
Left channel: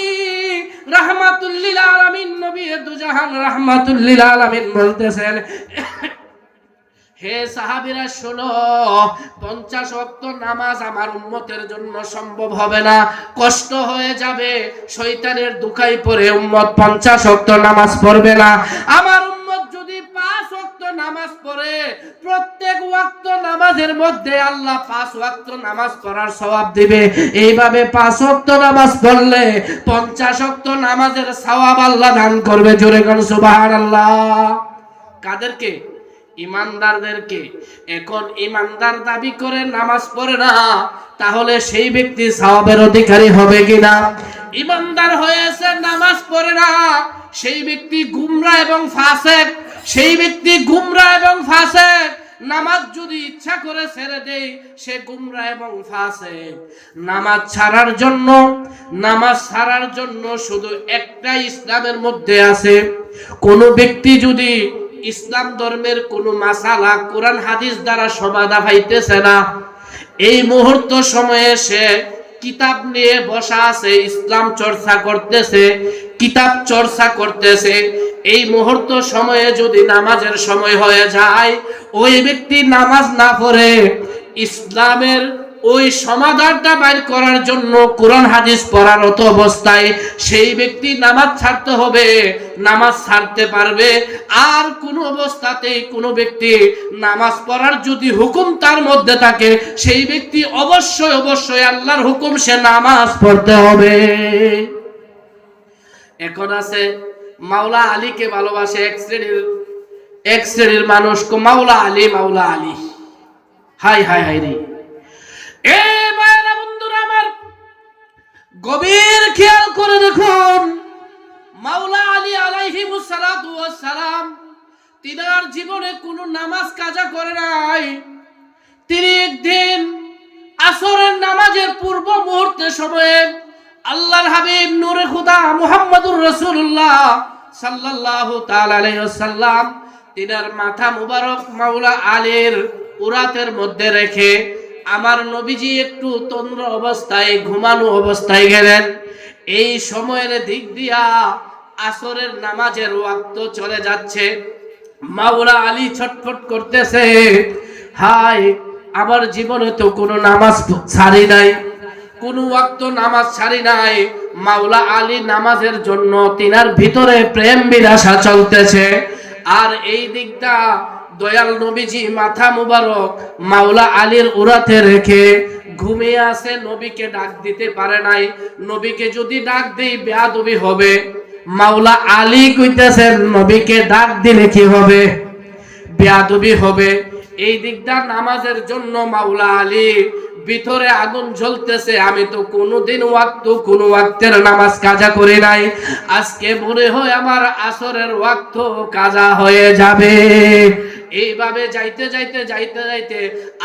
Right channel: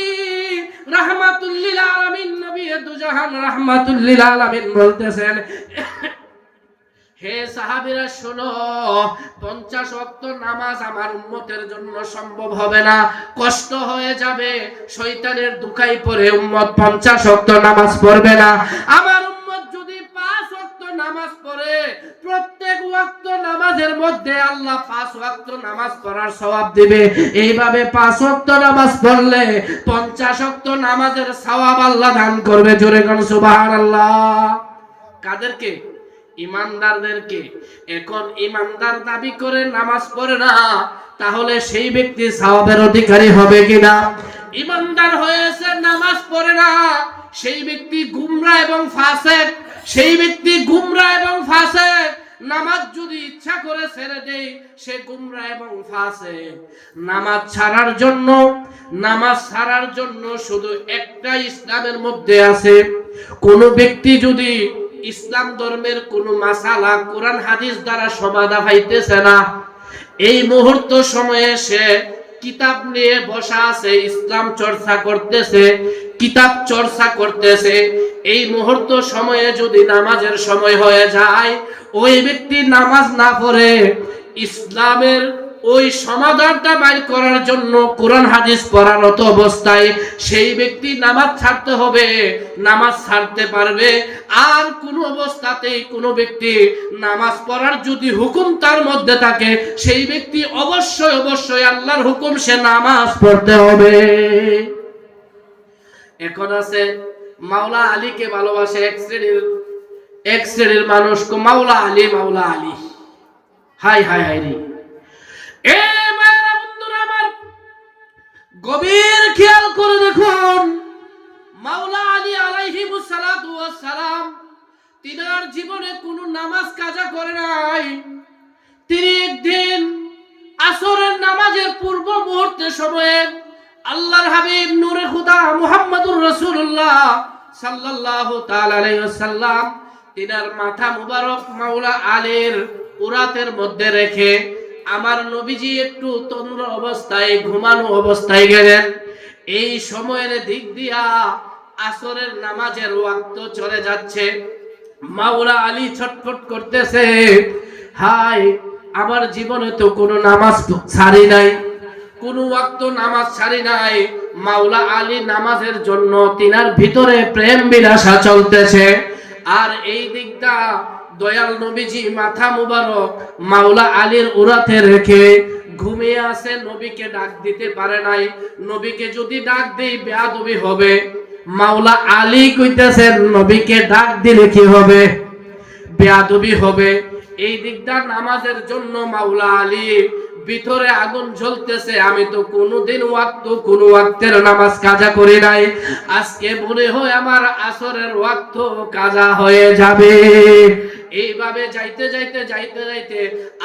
রাহমাতুল লিল আলামিন, নবী দুজাহান রাহমাতুল লিল আলামিন বলতেছেন, হে সাহাবীরা শোনো, 50 ওয়াক্ত নামাজ আমার উম্মতের জন্য সম্ভব হবে না, কষ্ট হয়ে যাবে। শয়তানের দুখাই পড়ে উম্মত 50 ওয়াক্ত নামাজ পড়বে না। আমার উম্মত যদি 5 ওয়াক্ত নামাজ পড়ে, প্রত্যেক ওয়াক্ত নামাজের মধ্যে আল্লাহ 5 ওয়াক্ত নামাজ পড়ার সওয়াব দিবে। এইভাবে 5 ওয়াক্ত নামাজ পড়লে 50 ওয়াক্ত নামাজের সওয়াব আল্লাহ দান করবে। জোরে কোন সুবহানাল্লাহ। কাদেরকে? ইমানদারদেরকে। এখন ইমানদার দাবি করে নামাজ পড়ে না, তাহলে সেই ব্যক্তি সওয়াবের অধিকারী হবে কিনা? ইমানদার হয়েছে, নামাজ পড়ে না, সেই ব্যক্তি গুমরা এবং ফাসেক। সেই ব্যক্তি গুমরা এবং ফাসেক। নামাজ যদি ইচ্ছা করে ছেড়ে দেয়, সে গুমরা এবং ফাসেক। নামাজ ছাড়ার জন্য শুধু একটা ইসলামের মধ্যে আছে। কোন ব্যক্তি যদি ইসলাম ধর্মের কোন মাসালা কোরআন হাদিস দ্বারা সমাধান পাইতেছে না, এই মুহূর্ত সময়ে সে কিতাব নিয়ে বসা আছে, ইসলাম চর্চা করতেছে, কিতাব চর্চা করতেছে, এই মুহূর্ত সময়ে যদি নামাজের সময় হয়ে যায়, ওই ব্যক্তি নামাজ না পড়ে ইসলামের ওই সমাধানটা বাইর করার জন্য কোরআন হাদিস পড়ারত অবস্থায় সেই ব্যক্তি নামাজ ছাড়তে হবে, নামাজ ছাড়তে পারবে। আর কোন অবস্থাতেই কোন ব্যক্তি নামাজ পড়ার যদি হুকুম তার মধ্যে থাকে, সেই ব্যক্তি অবশ্যই আল্লাহর হুকুম, সে নামাজ পড়তে হবে। এখন আছে মাওলা আলীকে ভালোবাসে এক শ্রেণীর মানুষ, মাওলা আলী হাই রে। এ মায়েরা, বন্ধুরা আমার, গভীর খেয়াল করে দেখুন, মাওলা আলী আলাইহিমুস সালাতু ওয়াস সালাম তিনার জীবনে কোনো নামাজ কাজা করে নাই। তিনি একদিন আসরের নামাজের পূর্ব মুহূর্তে সময়ে আল্লাহর হাবিব নূরে খুদা মুহাম্মদুর রাসূলুল্লাহ সাল্লাল্লাহু তাআলা আলাইহি ওয়াসাল্লাম তিনার মাথা মুবারক মাওলা আলীর উরাতের মধ্যে রেখে আমার নবীজি একটু তন্দ্র অবস্থায়, ঘুমানো অবস্থায় গেলেন। এই সময়ের দিক দিয়া আসরের নামাজের ওয়াক্ত চলে যাচ্ছে। মাওলা আলী ছটফট করতেছে, হায়, আমার জীবনে তো কোনো নামাজ ছাড়ি নাই, কোনো ওয়াক্ত নামাজ ছাড়ি নাই। মাওলা আলী নামাজের জন্য তিনার ভিতরে প্রেম বিলাসা চলতেছে। আর এই দিকটা দয়াল নবীজি মাথা মুবারক মাওলা আলীর উরাতে রেখে ঘুমিয়ে আছে, নবীকে ডাক দিতে পারে নাই। নবীকে যদি ডাক দেই বেয়াদবি হবে। মাওলা আলী কইতেছেন, নবীকে ডাক দিলে কি হবে? বেয়াদবি হবে। এই দিকটা নামাজের জন্য মাওলা আলী ভিতরে আগুন জ্বলতেছে, আমি তো কোনোদিন কোন ওয়াক্তের নামাজ কাজা করি নাই, আজকে মনে হয় আমার আসরের ওয়াক্ত কাজা হয়ে যাবে। এইভাবে যাইতে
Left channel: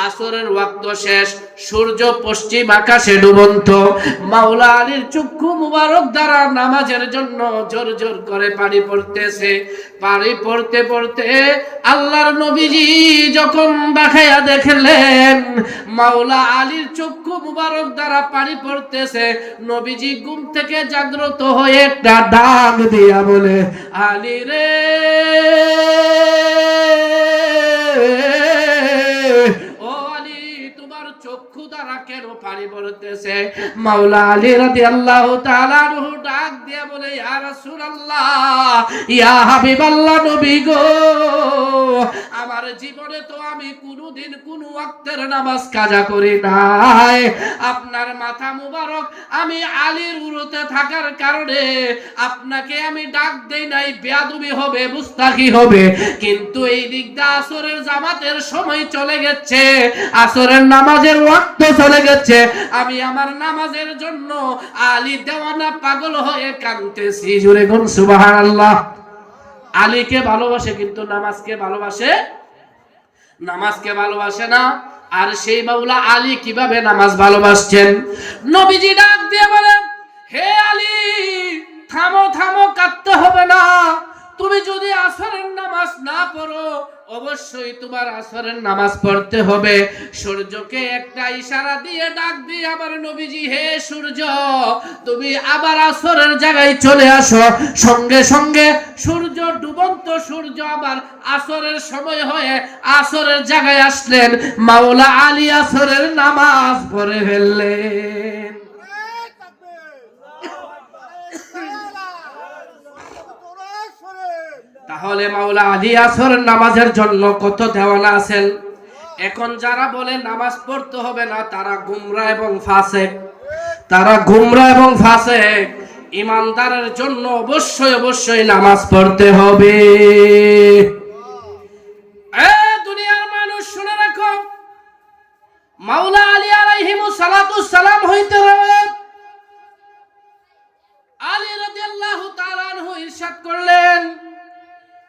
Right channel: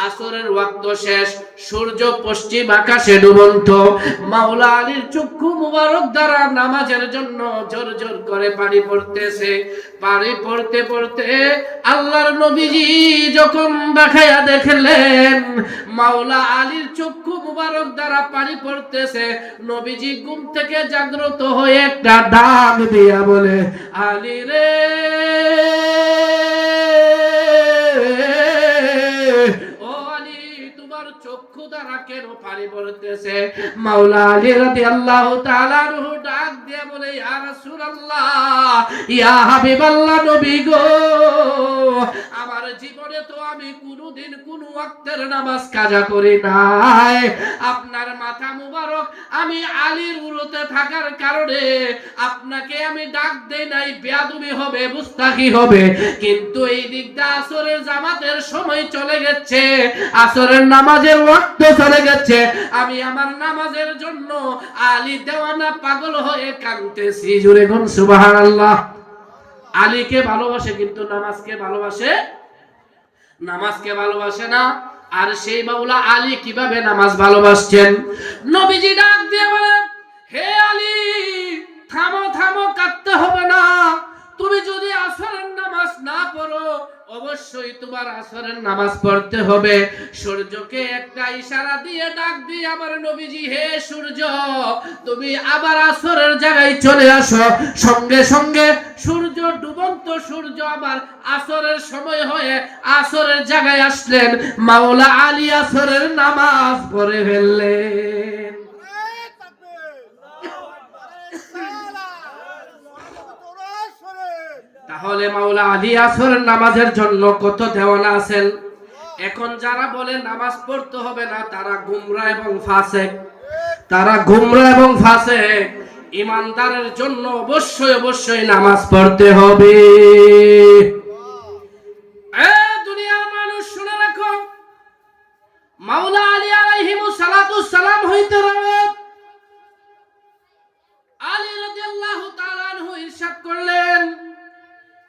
আসরের ওয়াক্ত শেষ, সূর্য পশ্চিম আকাশে ডুবন্ত। মাওলা আলীর চক্ষু মুবারক দ্বারা নামাজের জন্য জোর জোর করে পানি পড়তেছে। পানি পড়তে আল্লাহর নবীজি যখন দেখাইয়া দেখলেন মাওলা আলীর চক্ষু মুবারক দ্বারা পানি পড়তেছে, নবীজি ঘুম থেকে জাগ্রত হয়ে একটা ডাক দিয়া বলে, আলী রে, ও আলী, তোমার চক্ষু দ্বারা কেন পানি পড়তেছে? মাওলা আলী রাদিয়াল্লাহু তাআলা আনহু ডাক দিয়ে বলে, ইয়া রাসূলুল্লাহ, ইয়া হাবিবাল্লাহ, নবী গো, আমার জীবনে তো আমি কোনোদিন কোনো ওয়াক্তের নামাজ কাজা করি নাই। আপনার মাথা মুবারক আমি আলীর উরুতে থাকার কারণে আপনাকে আমি ডাক দেই নাই, বেয়াদবি হবে, মুস্তাকি হবে। কিন্তু এই দিকটা আসরের জামাতের সময় চলে গেছে, আসরের নামাজের ওয়াক্ত চলে গেছে, আমি আমার নামাজের জন্য আলী দেওয়ানা পাগল হয়ে কাঁদতেছি। জোরে বলুন সুবহানাল্লাহ। আলীকে ভালোবাসে কিন্তু নামাজকে ভালোবাসে না। আর সেই মাওলা আলী কিভাবে নামাজ ভালোবাসছেন? নবীজি ডাক দিয়ে বলেন, হে আলী, থামো, কাঁদতে হবে না। তুমি যদি আসরের নামাজ না পড়ো, অবশ্যই তোমার আসরের নামাজ পড়তে হবে। সূর্যকে একটা ইশারা দিয়ে ডাক দিয়ে আবার নবীজি, হে সূর্য, তুমি আবার আসরের জায়গায় চলে আসো। সঙ্গে সঙ্গে সূর্য, ডুবন্ত সূর্য আবার আসরের সময় হয়ে আসরের জায়গায় আসলেন। মাওলা আলী আসরের নামাজ পড়ে ফেললেন। তাহলে মাওলা আলী আসরের নামাজের জন্য কত দেওয়ানা আছেন। এখন যারা বলে নামাজ পড়তে হবে না, তারা গুমরা এবং ফাসেক। তারা গুমরা এবং ফাসেক। ইমানদারের জন্য অবশ্যই অবশ্যই নামাজ পড়তে হবে। দুনিয়ার মানুষ শুনে রাখো, মাওলা আলী আলাইহিমুস সালাতুস সালাম হইতে আলী রাদিয়াল্লাহু তাআলা আনহু ইরশাদ করলেন,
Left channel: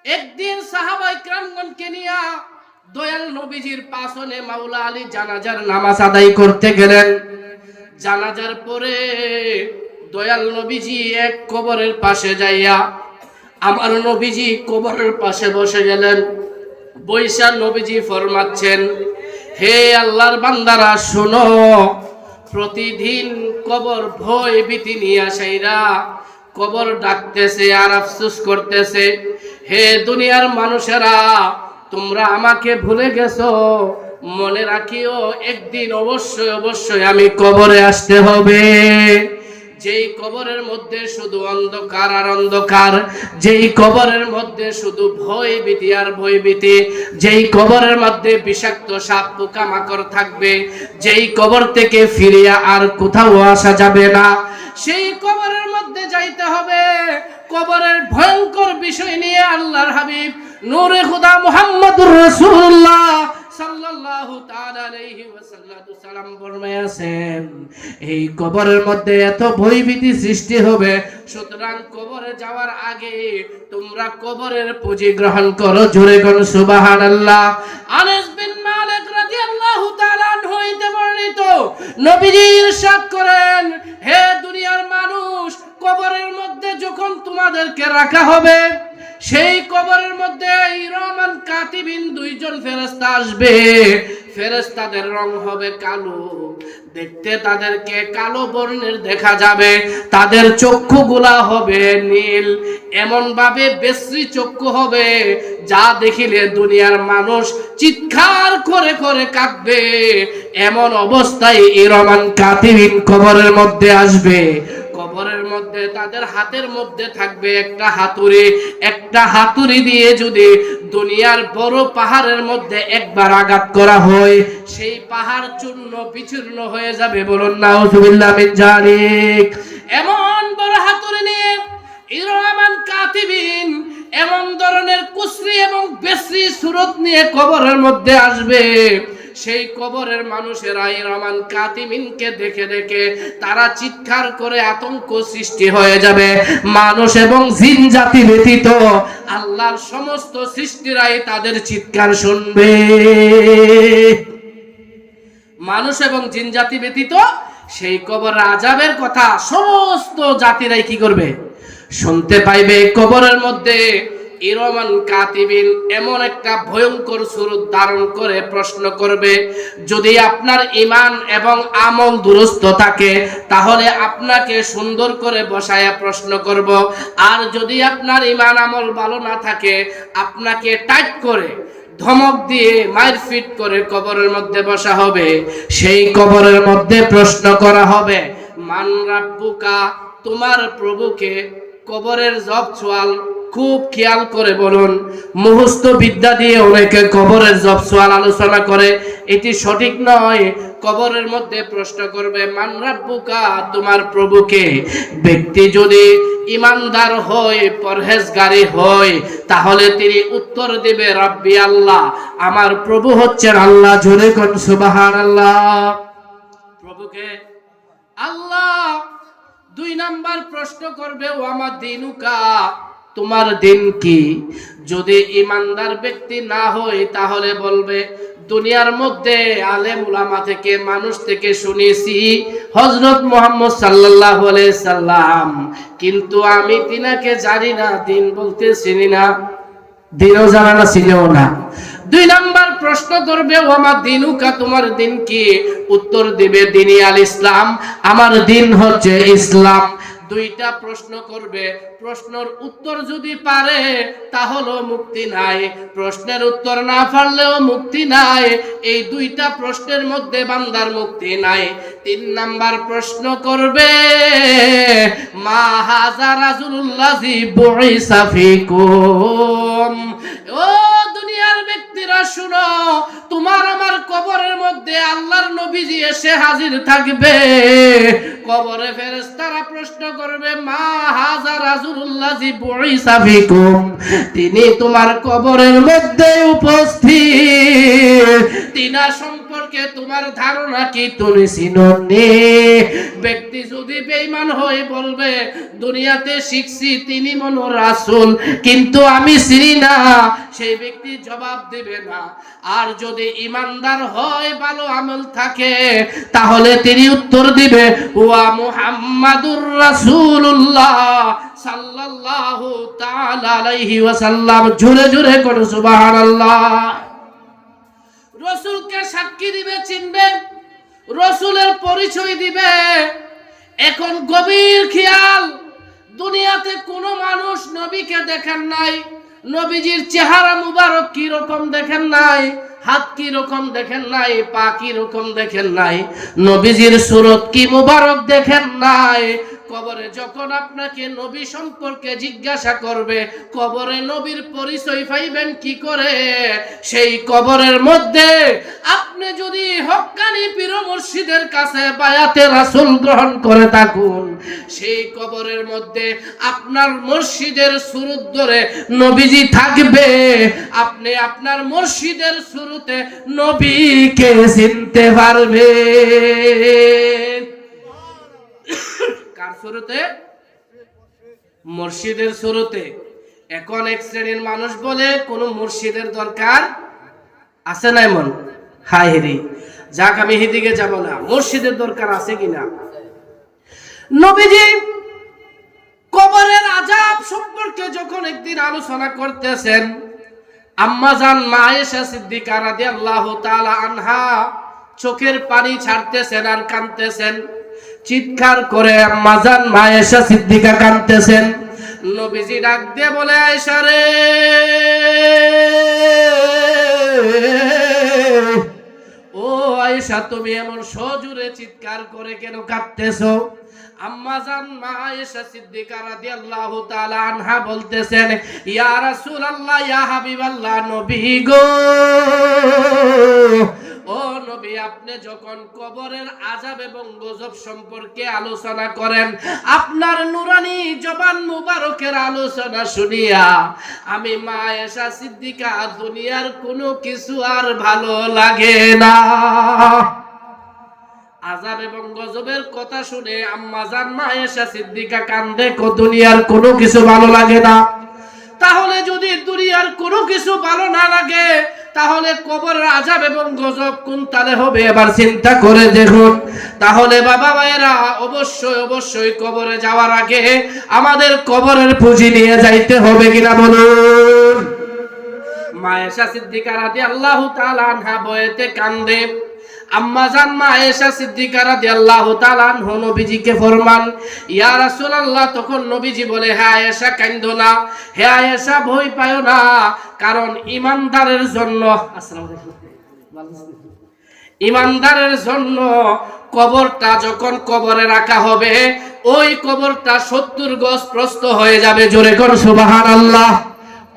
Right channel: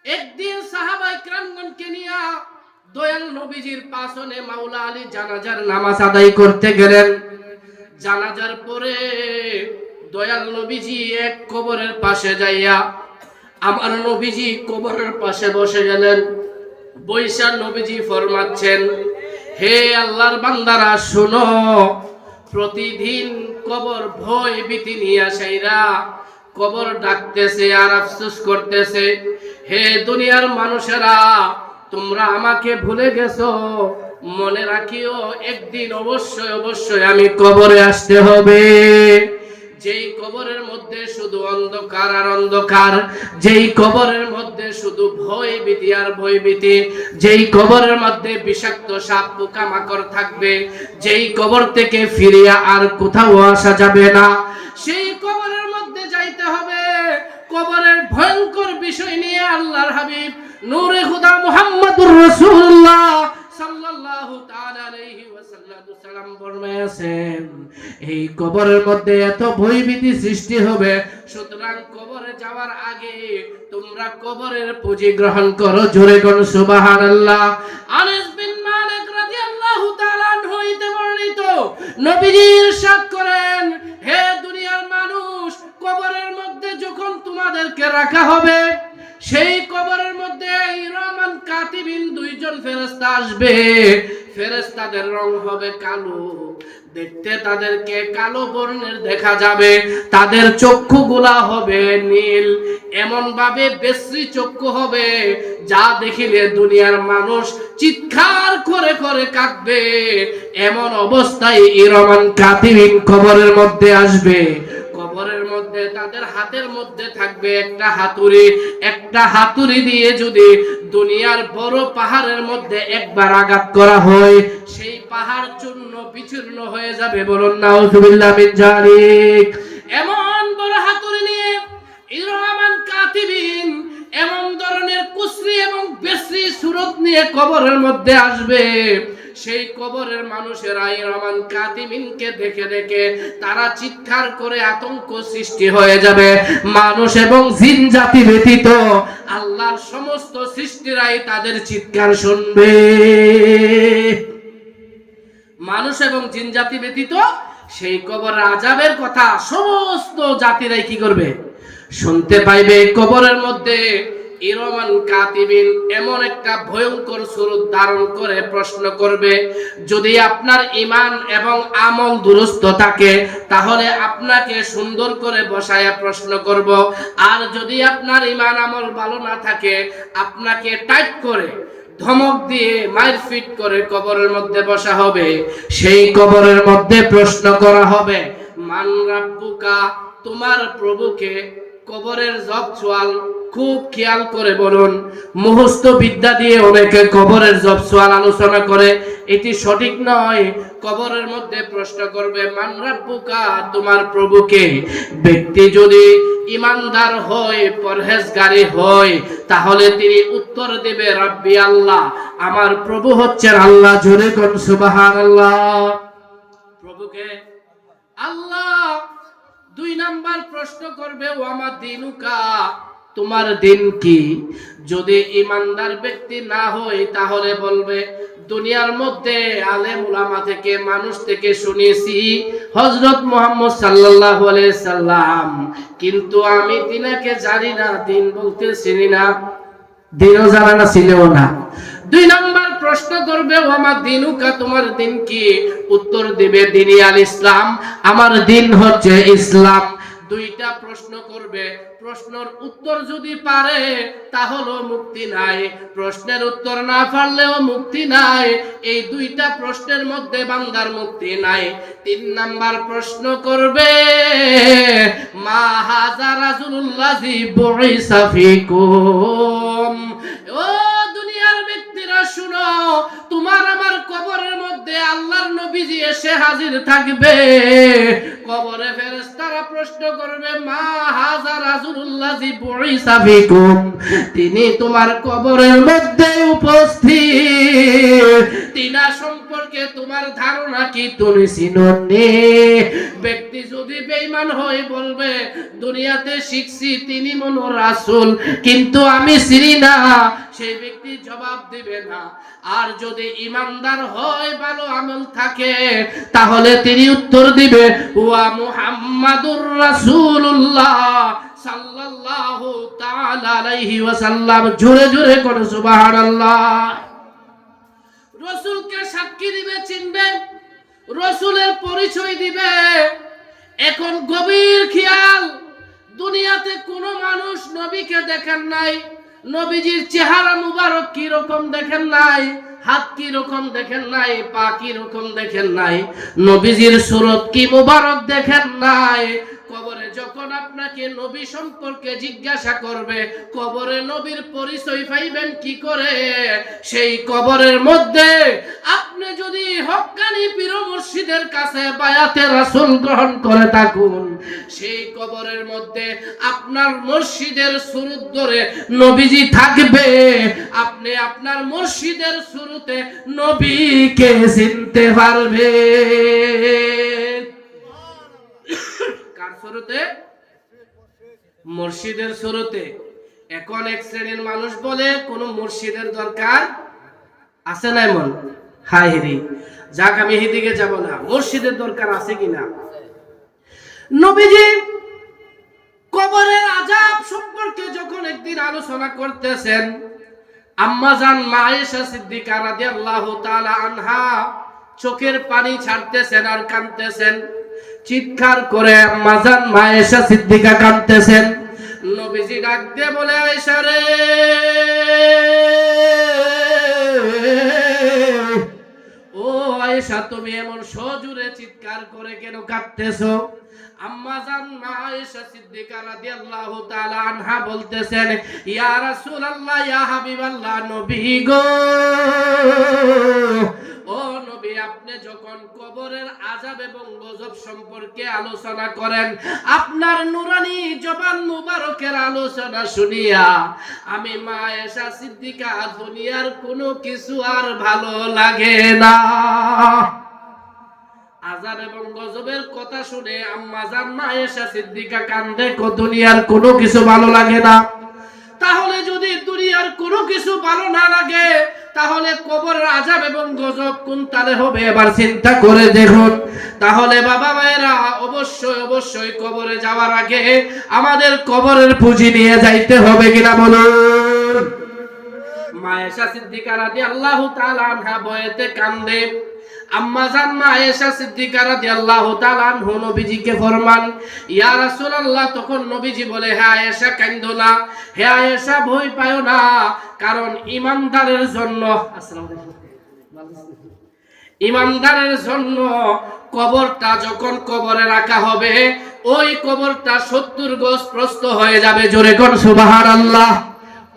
একদিন সাহাবায়ে কিরামগণকে নিয়ে দয়াল নবীজির পাশনে মাওলা আলী জানাজার নামাজ আদায় করতে গেলেন। জানাজার পরে দয়াল নবীজি এক কবরের পাশে যাইয়া আমার নবীজি কবরের পাশে বসে গেলেন। বৈশা নবীজি ফরমাচ্ছেন, হে আল্লাহর বান্দারা শুনো, প্রতিদিন কবর ভয় ভীতি নিয়ে আসাইরা কবর ডাকতেছে আর আফসোস করতেছে, হে দুনিয়ার মানুষেরা, তোমরা আমাকে ভুলে গেছো, মনে রাখিও একদিন অবশ্যই অবশ্যই আমি কবরে আসতে হবে। যেই কবরের মধ্যে শুধু অন্ধকার আর অন্ধকার, যেই কবরের মধ্যে শুধু ভয় ভীতি আর ভয় ভীতি, যেই কবরের মধ্যে বিষাক্ত সাপ পোকামাকড় থাকবে, যেই কবর থেকে ফিরিয়া আর কোথাও আসা যাবে না, সেই কবরের মধ্যে যাইতে হবে। কবরের ভয়ঙ্কর বিষয় নিয়ে আল্লাহর হাবিব নূরে খুদা মুহাম্মদুর রাসূলুল্লাহ সাল্লাল্লাহু তাআলা আলাইহি ওয়াসাল্লাম ফরমায়াছেন, এই কবরের মধ্যে এত ভয়ভীতি সৃষ্টি হবে, সুতরাং কবরে যাওয়ার আগে তোমরা কবরের পুঁজি গ্রহণ করো। জোরে কোন সুবহানাল্লাহ। আনাস বিন মালিক রাদিয়াল্লাহু তাআলা আনহু হইতে বর্ণিত, নবীজি ইরশাদ করেন, হে দুনিয়ার মানুষ, কবরের মধ্যে যখন তোমাদেরকে রাখা হবে, সেই কবরের মধ্যে ইরামান কাতিবিন দুইজন ফেরেশতা আসবে। ফেরেশতাদের রং হবে কালো, দেখতে তাদেরকে কালো বর্ণের দেখা যাবে, তাদের চক্ষুগুলা হবে নীল, এমন ভাবে বিশ্রী চক্ষু হবে যা দেখিলে দুনিয়ার মানুষ চিৎকার করে করে কাঁদবে। এমন অবস্থায় ইরামান কাতিবিন কবরের মধ্যে আসবে। কবরের মধ্যে তাদের হাতের মধ্যে থাকবে একটা হাতুড়ি। একটা হাতুড়ি দিয়ে যদি দুনিয়ার বড় পাহাড়ের মধ্যে একবার আঘাত করা হয়, সেই পাহাড় চূর্ণ বিচূর্ণ হয়ে যাবে। বলুন নাউযুবিল্লাহ মিন যালিক। এমন বড় হাতুড়ি নিয়ে ইরামান কাতিবিন এমন ধরনের কুসরি এবং বেসরি সুরত নিয়ে কবরের মধ্যে আসবে। সেই কবরের মানুষেরা ইরামান কাতিবিনকে দেখে দেখে তারা চিৎকার করে আতঙ্ক সৃষ্টি হয়ে যাবে। মানুষ এবং জিন জাতি ব্যতীত আল্লাহর সমস্ত সৃষ্টিরাই তাদের চিৎকার শুনবে। মানুষ এবং জিন জাতি ব্যতীত সেই কবরের আযাবের কথা সমস্ত জাতিরাই কি করবে? শুনতে পাইবে। কবরের মধ্যে ইরামান কাতিবিন এমন একটা ভয়ঙ্কর সুরত ধারণ করে প্রশ্ন করবে। যদি আপনার ঈমান এবং আমল দুরুস্ত থাকে, তাহলে আপনাকে সুন্দর করে বসায়া প্রশ্ন করব। আর যদি আপনার ঈমান আমল ভালো না থাকে, আপনাকে টাইট করে ধমক দিয়ে মারপিট করে কবরের মধ্যে বসা হবে। সেই কবরের মধ্যে প্রশ্ন করা হবে, মান রাব্বুকা, তোমার প্রভুকে। কবরের জব সোয়াল খুব খেয়াল করে বলুন। মুখস্থ বিদ্যা দিয়ে অনেকে কবরের জব সোয়াল আলোচনা করে, এটি সঠিক নয়। কবরের মধ্যে প্রশ্ন করবে, মান রাব্বুকা, তোমার প্রভুকে। ব্যক্তি যদি ইমানদার হয়, পরহেজগারি হয়, তাহলে তিনি উত্তর দেবে, রাব্বি আল্লাহ, আমার প্রভু হচ্ছেন আল্লাহ। জোরে কোন সুবহানাল্লাহ। প্রভুকে আল্লাহ। দুই নাম্বার প্রশ্ন করবে, ওয়ামা দিনুকা, তোমার দিন কি? যদি ইমানদার ব্যক্তি না হয়, তাহলে বলবে, দুনিয়ার মধ্যে আলেম উলামা থেকে, মানুষ থেকে শুনেছি হযরত মুহাম্মদ সাল্লাল্লাহু আলাইহি সাল্লাম, কিন্তু আমি তিনাকে জানি না, দিন বলতে চিনি না। দিনও জানে না, চিনেও না। দুই নাম্বার প্রশ্ন করবে, ওয়ামা দিনুকা, তোমার দিন কি? উত্তর দিবে, দিনী আল ইসলাম, আমার দিন হচ্ছে ইসলাম। দুইটা প্রশ্ন করবে। প্রশ্নের উত্তর যদি পারে তাহলে মুক্তি নাই, প্রশ্নের উত্তর না পারলেও মুক্তি নাই। এই দুইটা প্রশ্নের মধ্যে বান্দার মুক্তি নাই। তিন নাম্বার প্রশ্ন করবে, মা হাযা রাজুলুল্লাযী বুইসা ফীকুম, ও দুনিয়ার ব্যক্তিরা, ভাইরা শুনো, তোমার আমার কবরের মধ্যে আল্লাহর নবীজি এসে হাজির থাকবে। কবরে ফেরেশতারা প্রশ্ন করবে, মা হাযা রাসূলুল্লাহি বুইসা ফিকুম, তিনি তোমার কবরের মধ্যে উপস্থিত, তিনা সম্পর্কে তোমার ধারণা কি, তুমি চিনোনি? ব্যক্তি যদি বেঈমান হয়ে বলবে, দুনিয়াতে শিখছি তিনি মনো রাসূল, কিন্তু আমি চিনি না, সেই ব্যক্তি জবাব দিবে না। আর যদি ইমানদার হয়, ভালো আমল থাকে, তাহলে তিনি উত্তর দিবে, ওয়া মুহাম্মাদুর রাসূলুল্লাহ সাল্লাল্লাহু তাআলা আলাইহি ওয়াসাল্লাম। জোরে জোরে করে সুবহানাল্লাহ। রাসূলকে সাক্ষী দিবে, চিনবে, রাসূলের পরিচয় দিবে। এখন গভীর খেয়াল, দুনিয়াতে কোনো মানুষ নবীকে দেখেন নাই, নবীজির চেহারা মুবারক কি রকম দেখেন নাই, হাত কি রকম দেখেন নাই, পা কি রকম দেখেন নাই, নবীজির সুরত কি মুবারক দেখেন নাই। কবরে যখন আপনাকে নবী সম্পর্কে জিজ্ঞাসা করবে, কবরে নবীর পরিচয় পাইবেন কি করে? সেই কবরের মধ্যে আপনি যদি হক্কানি পীর মুর্শিদের কাছে বায়াতে রাসূল গ্রহণ করে থাকুন, সেই কবরের মধ্যে আপনার মুর্শিদের সুরত ধরে নবীজি থাকবে। আপনি আপনার মুর্শিদের সুরতে নবীকে চিনতে পারবেন। কার সুরতে? মুর্শিদের সুরতে। এখন এক শ্রেণীর মানুষ বলে কোন মুর্শিদের দরকার আছে না? এমন হাই হেরি, যাক আমি এদিকে যাব না, মুর্শিদের দরকার আছে কিনা। নবীজি কবরের আযাব সম্পর্কে যখন একদিন আলোচনা করতেছেন, আম্মা জান মা আয়েশা সিদ্দিকা রাদিয়াল্লাহু তাআলা আনহা চোখের পানি ছাড়তেছেন আর কাঁদতেছেন, চিৎকার করে আম্মা জান মা আয়েশা সিদ্দিকা কাঁদতেছেন। নবীজি ডাক দিয়ে বলে, আয়েশা রে, ও আয়েশা, তুমি এমন সজোরে চিৎকার করে কেন কাঁদতেছো? আম্মা জান মা আয়েশা সিদ্দিকা রাদিয়াল্লাহু তাআলা আনহা বলতেছেন, ইয়া রাসূলুল্লাহ, ইয়া হাবিবাল্লাহ, নবী গো, ও নবী, আপনি যখন কবরের আযাব এবং গজব সম্পর্কে আলোচনা করেন, আপনার নুরানি জবান মুবারকের আলোচনা শুনিয়া আমি মা আয়েশা সিদ্দিকা দুনিয়ার কোনো কিছু আর ভালো লাগে না। আযাব এবং গজবের কথা শুনে আম্মা জান মা আয়েশা সিদ্দিকা কান্দে, দুনিয়ার কোনো কিছু ভালো লাগে না। তাহলে যদি দুনিয়ার কোনো কিছু ভালো না লাগে, তাহলে কবরের আযাব এবং গজব কোন তালে হবে এবার চিন্তা করে দেখুন। তাহলে বাবা ভাইরা, অবশ্যই অবশ্যই কবরে যাওয়ার আগে আমাদের কবরের পুঁজি নিয়ে যাইতে হবে কিনা বলুন। মা আয়েশা সিদ্দিকা রাদিয়াল্লাহু তাআলা আনহা বয়েতে কান্দে। আম্মা জান মা আয়েশা সিদ্দিকা রাদিয়াল্লাহু তাআলা আনহা নবীজিকে ফরমান, ইয়া রাসূলুল্লাহ। তখন নবীজি বলে, হে আয়েশা, কান্দো না, হে আয়েশা, ভয় পায়ো না, কারণ ইমানদারের জন্য, ইমানদারের জন্য কবরটা যখন কবরে রাখা হবে, ওই কবরটা 70 গজ প্রস্থ হয়ে যাবে। জোরে কোন সুবহানাল্লাহ।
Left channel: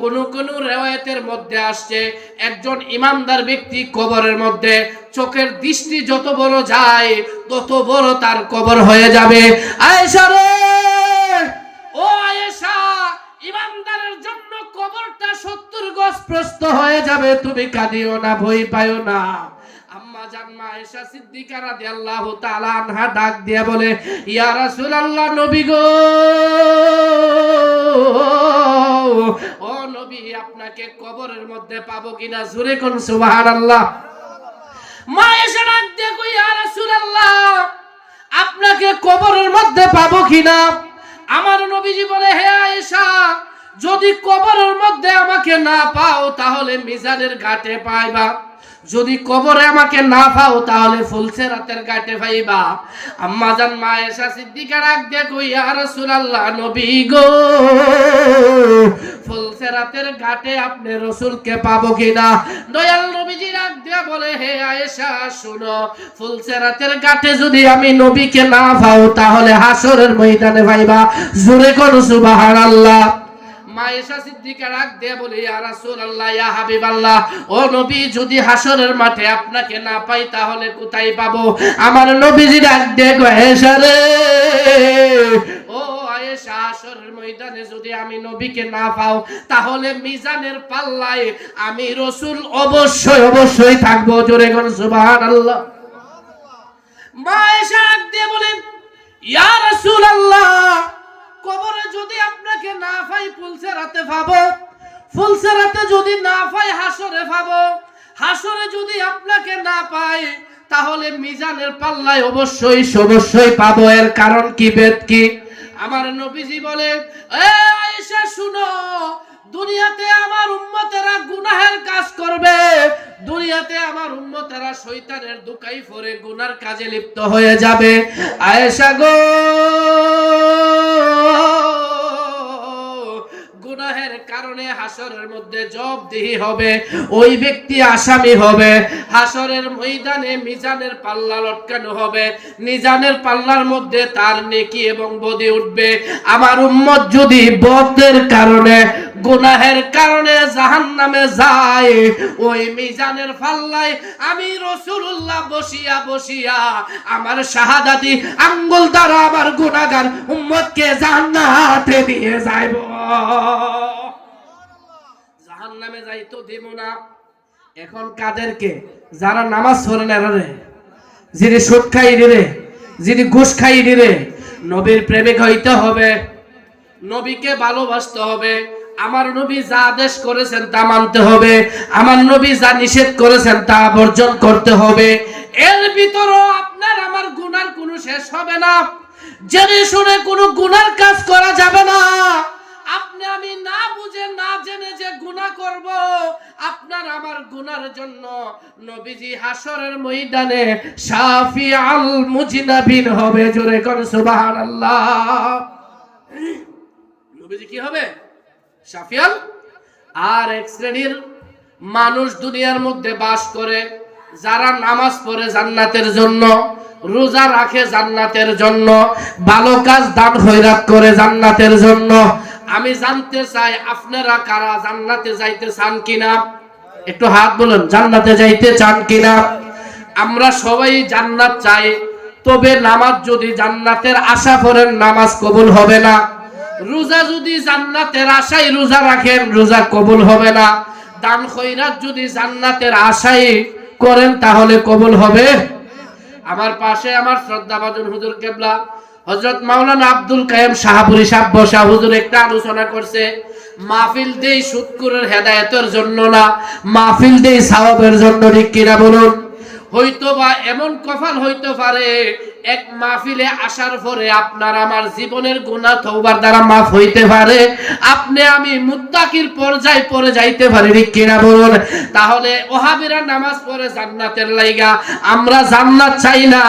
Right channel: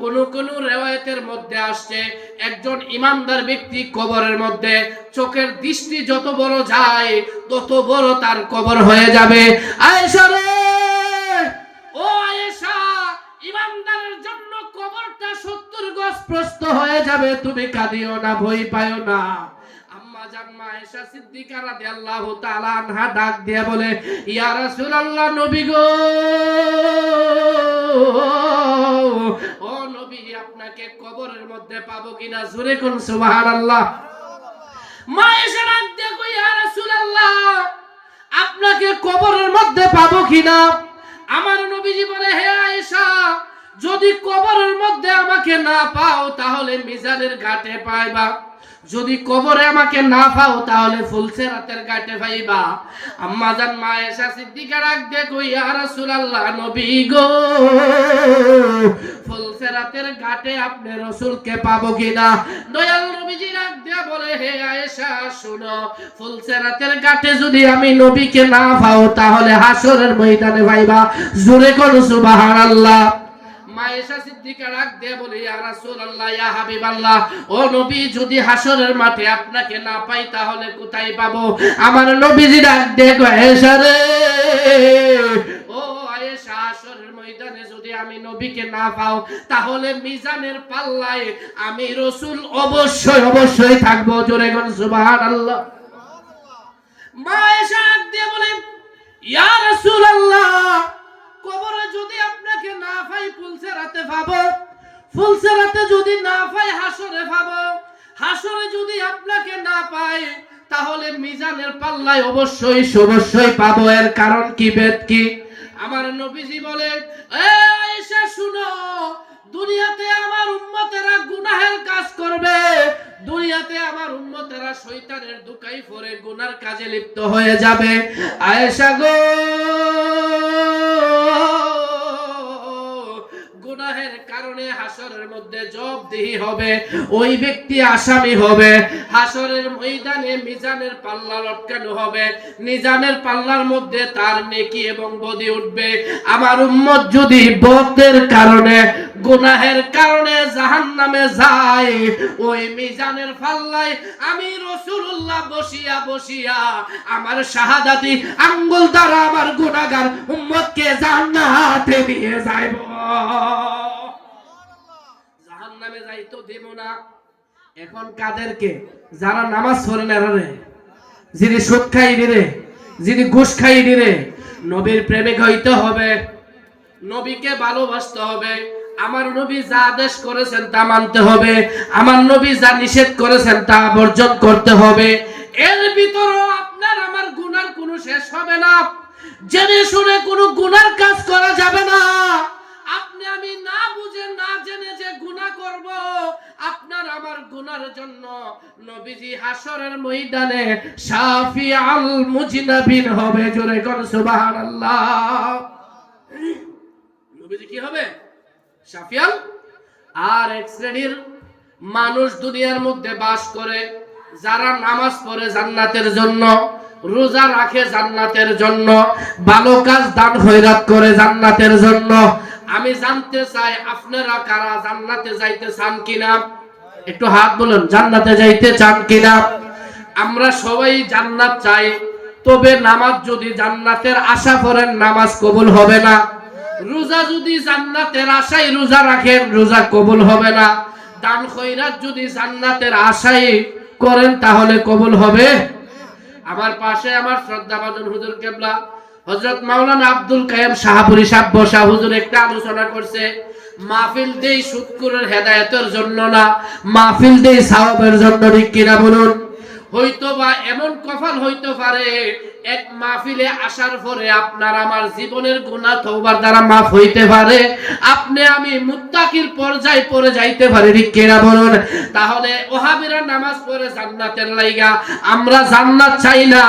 কোন কোন রিওয়ায়াতের মধ্যে আসছে, একজন ইমানদার ব্যক্তি কবরের মধ্যে চোখের দৃষ্টি যত বড় যায়, তত বড় তার কবর হয়ে যাবে। আয়েশা রে, ও আয়েশা, ইমানদারের জন্য কবরটা 70 গজ প্রস্থ হয়ে যাবে, তুমি কাঁদিও না, ভয় পায়ো না। আম্মা জান মা আয়েশা সিদ্দিকা রাদিয়াল্লাহু তাআলা আনহা ডাক দিয়া বলে, ইয়া রাসূলুল্লাহ, নবী গো, ও নবী, আপনাকে কবরের মধ্যে পাবো কিনা? জোরে কোন সুবহানাল্লাহ। মা আয়েশা ডাক দিয়া কই, ইয়া রাসূলুল্লাহ, আপনাকে কবরের মধ্যে পাবো কিনা? আমার নবীজি বলে, হে আয়েশা, যদি কবরের মধ্যে আমাকে না পাও, তাহলে মিজানের ঘাটে পাইবা। যদি কবরে আমাকে না পাও, তাহলে ফুলসেরাতের ঘাটে পাইবা। আম্মা জান মা আয়েশা সিদ্দিকা ডাক দিয়ে কই, ইয়া রাসূলুল্লাহ, নবী গো, ফুলসেরাতের ঘাটে আপনি রাসূলকে পাবো কিনা? দয়াল নবীজি ডাক দিয়ে বলে, হে আয়েশা, শুনো, ফুলসেরাতের ঘাটে যদি আমি নবীকে না পাও, তাহলে হাসরের ময়দানে পাইবা। জোরে কোন সুবহানাল্লাহ। মা আয়েশা সিদ্দিকা ডাক দিয়ে বলে, ইয়া রাসূলুল্লাহ, ইয়া হাবিবাল্লাহ, ও নবী, যদি হাসরের মাঠে আপনাকে না পাই তাহলে কোথায় পাবো? আমার নবীজি ডাক দিয়ে কয়, আয়েশা রে, ও আয়েশা, হাসরের ময়দানে যদি আমি নবীকে না পাও তাহলে মিজানের পাল্লায় আমি রাসূল অবশ্যই অবশ্যই থাকবো। জোরে বল সুবহানাল্লাহ। মা আয়েশা ডাক দিয়ে বলেন, ইয়া রাসূলুল্লাহ, কবরে যদি আপনাকে না পাই ফুলসেরাতে পাবো, ফুলসেরাতে যদি না পাই হাসরে পাবো, হাসরে যদি আপনাকে না পাই তাহলে মিজানের পাল্লায় অবশ্যই অবশ্যই পাবো। এর কারণ কি, বেদ কি? আমার নবীজি বলে, এ আয়েশা শুনো, দুনিয়াতে আমার উম্মতেরা গুনাহের কাজ করবে, দুনিয়াতে আমার উম্মতেরা শয়তানের দুকাই পড়ে গুনার কাজে লিপ্ত হয়ে যাবে। আয়েশা গো, গুনাহের কারণে হাসরের মধ্যে জবাবদিহি হবে, ওই ব্যক্তি আসামি হবে। হাসরের ময়দানে মিজানের পাল্লা লটকানো হবে, মিজানের পাল্লার মধ্যে তার নেকি এবং বদি উঠবে। আমার উম্মত যদি বদের কারণে, গুনাহের কারণে জাহান্নামে যায়, ওই মিজানের পাল্লায় আমি রাসূলুল্লাহ বসিয়া বসিয়া আমার শাহাদাতি আঙ্গুল দ্বারা আমার গুনাহগার উম্মতকে জান্নাতে নিয়ে যাইব। জাহান্নামে যাইতো দেব না। এখন কাদেরকে? যারা নামাজ পড়ে না রে, যিনি সুদ খাই দিরে, যিনি ঘুষ খাই দিরে। নবীর প্রেমিক হইতে হবে, নবীকে ভালোবাসতে হবে। আমার নবী যা আদেশ করেছেন তা মানতে হবে, আমার নবী যা নিষেধ করেছেন তা বর্জন করতে হবে। এর ভিতরও আপনার আমার গুনার কোনো শেষ হবে না। জেনে শুনে কোনো গুনার কাজ করা যাবে না। আপনি আমি না বুঝে না জেনে যে গুনাহ করব, আপনার আমার গুনার জন্য নবীজি হাসরের ময়দানে শাফিউল মুজনাবিন হবে। জোরে কোন সুবহানাল্লাহ। নবীজি কি হবে? শাফিউল। আর এক শ্রেণীর মানুষ দুনিয়ার মধ্যে বাস করে, যারা নামাজ পড়ে জান্নাতের জন্য, রোজা রাখে জান্নাতের জন্য, ভালো কাজ দান খয়রাত করে জান্নাতের জন্য। আমি জানতে চাই আপনারা কারা জান্নাতে যাইতে চান কিনা? একটু হাত বলুন, জান্নাতে যাইতে চান কিনা? আমরা সবাই জান্নাত চাই, তবে নামাজ যদি জান্নাতের আশা করেন নামাজ কবুল হবে না। রোজা যদি জান্নাতের আশায় রোজা রাখেন রোজা কবুল হবে না। দান খয়রাত যদি জান্নাতের আশায় করেন তাহলে কবুল হবে। আমার পাশে আমার শ্রদ্ধাভাজন হুজুর কেবলা হযরত মাওলানা আব্দুল কাইয়ুম শাহপুরী সাহেব বসা হুজুর একটা আলোচনা করছে, মাহফিল দেই সুদকুরের হেদায়েতের জন্য না, মাহফিল দেই সওয়াবের জন্য। ঠিক কিনা বলুন? হয়তোবা এমন কপাল হইতে পারে এক মাহফিলে আসার পরে আপনার আমার জীবনের গুনাহ তওবার দ্বারা মাফ হইতে পারে, আপনি আমি মুত্তাকির পর্যায়ে পড়ে যাইতে পারি। ঠিক কিনা বলুন? তাহলে ওহাবীরা নামাজ পড়ে জান্নাতের লাইগা, আমরা জান্নাত চাই না,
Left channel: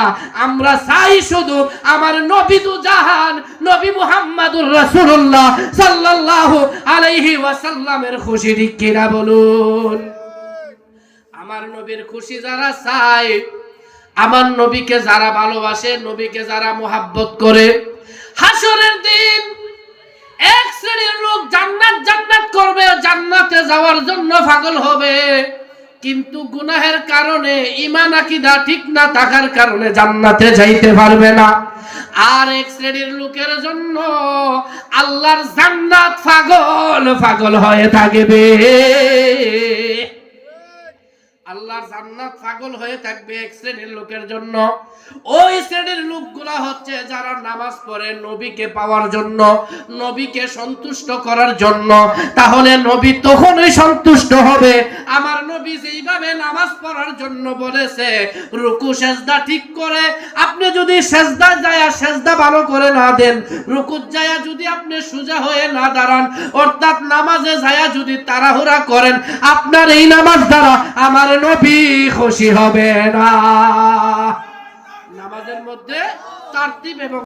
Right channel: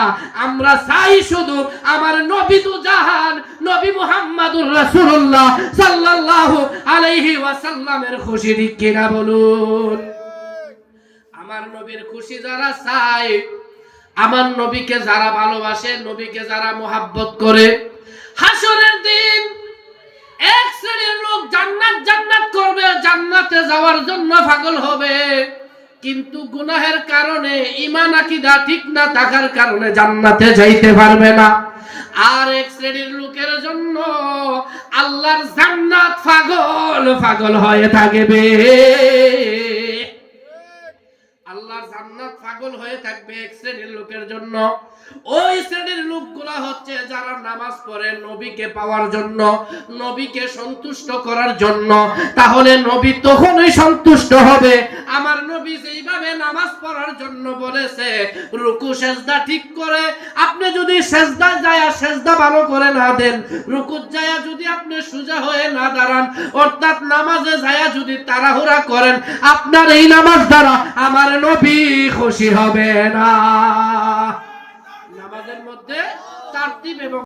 আমরা চাই শুধু আমার নবী দু জাহান নবী মুহাম্মদুর রাসূলুল্লাহ সাল্লাল্লাহু আলাইহি ওয়াসাল্লামের খুশি। ঠিক কিনা বলুন? আমার নবীর খুশি যারা চায়, আমার নবীকে যারা ভালোবাসে, নবীকে যারা মোহাব্বত করে, হাসরের দিন এক শ্রেণীর লোক জান্নাত জান্নাত করবে, জান্নাতে যাওয়ার জন্য পাগল হবে, কিন্তু গুনাহের কারণে, ঈমান আকীদা ঠিক না থাকার কারণে জান্নাতে যাইতে পারবে না। আর এক শ্রেণীর লোকের জন্য আল্লাহর জান্নাত পাগল পাগল হয়ে থাকবে। আল্লাহর জান্নাত পাগল হয়ে থাকবে এক শ্রেণীর লোকের জন্য। ওই শ্রেণীর লোকগুলা হচ্ছে যারা নামাজ পড়ে নবীকে পাওয়ার জন্য, নবীকে সন্তুষ্ট করার জন্য। তাহলে নবী তখনই সন্তুষ্ট হবে। আমার নবী যেইভাবে নামাজ পড়ার জন্য বলেছে, রুকু সেজদা ঠিক করে আপনি যদি সেজদা যায় সেজদা ভালো করে না দেন, রুকুত যায় যদি আপনি সোজা হয়ে না দাঁড়ান, অর্থাৎ নামাজে যায় যদি তাড়াহুড়া করেন, আপনার এই নামাজ দ্বারা আমার নবী খুশি হবে না। নামাজের মধ্যে তারতিব এবং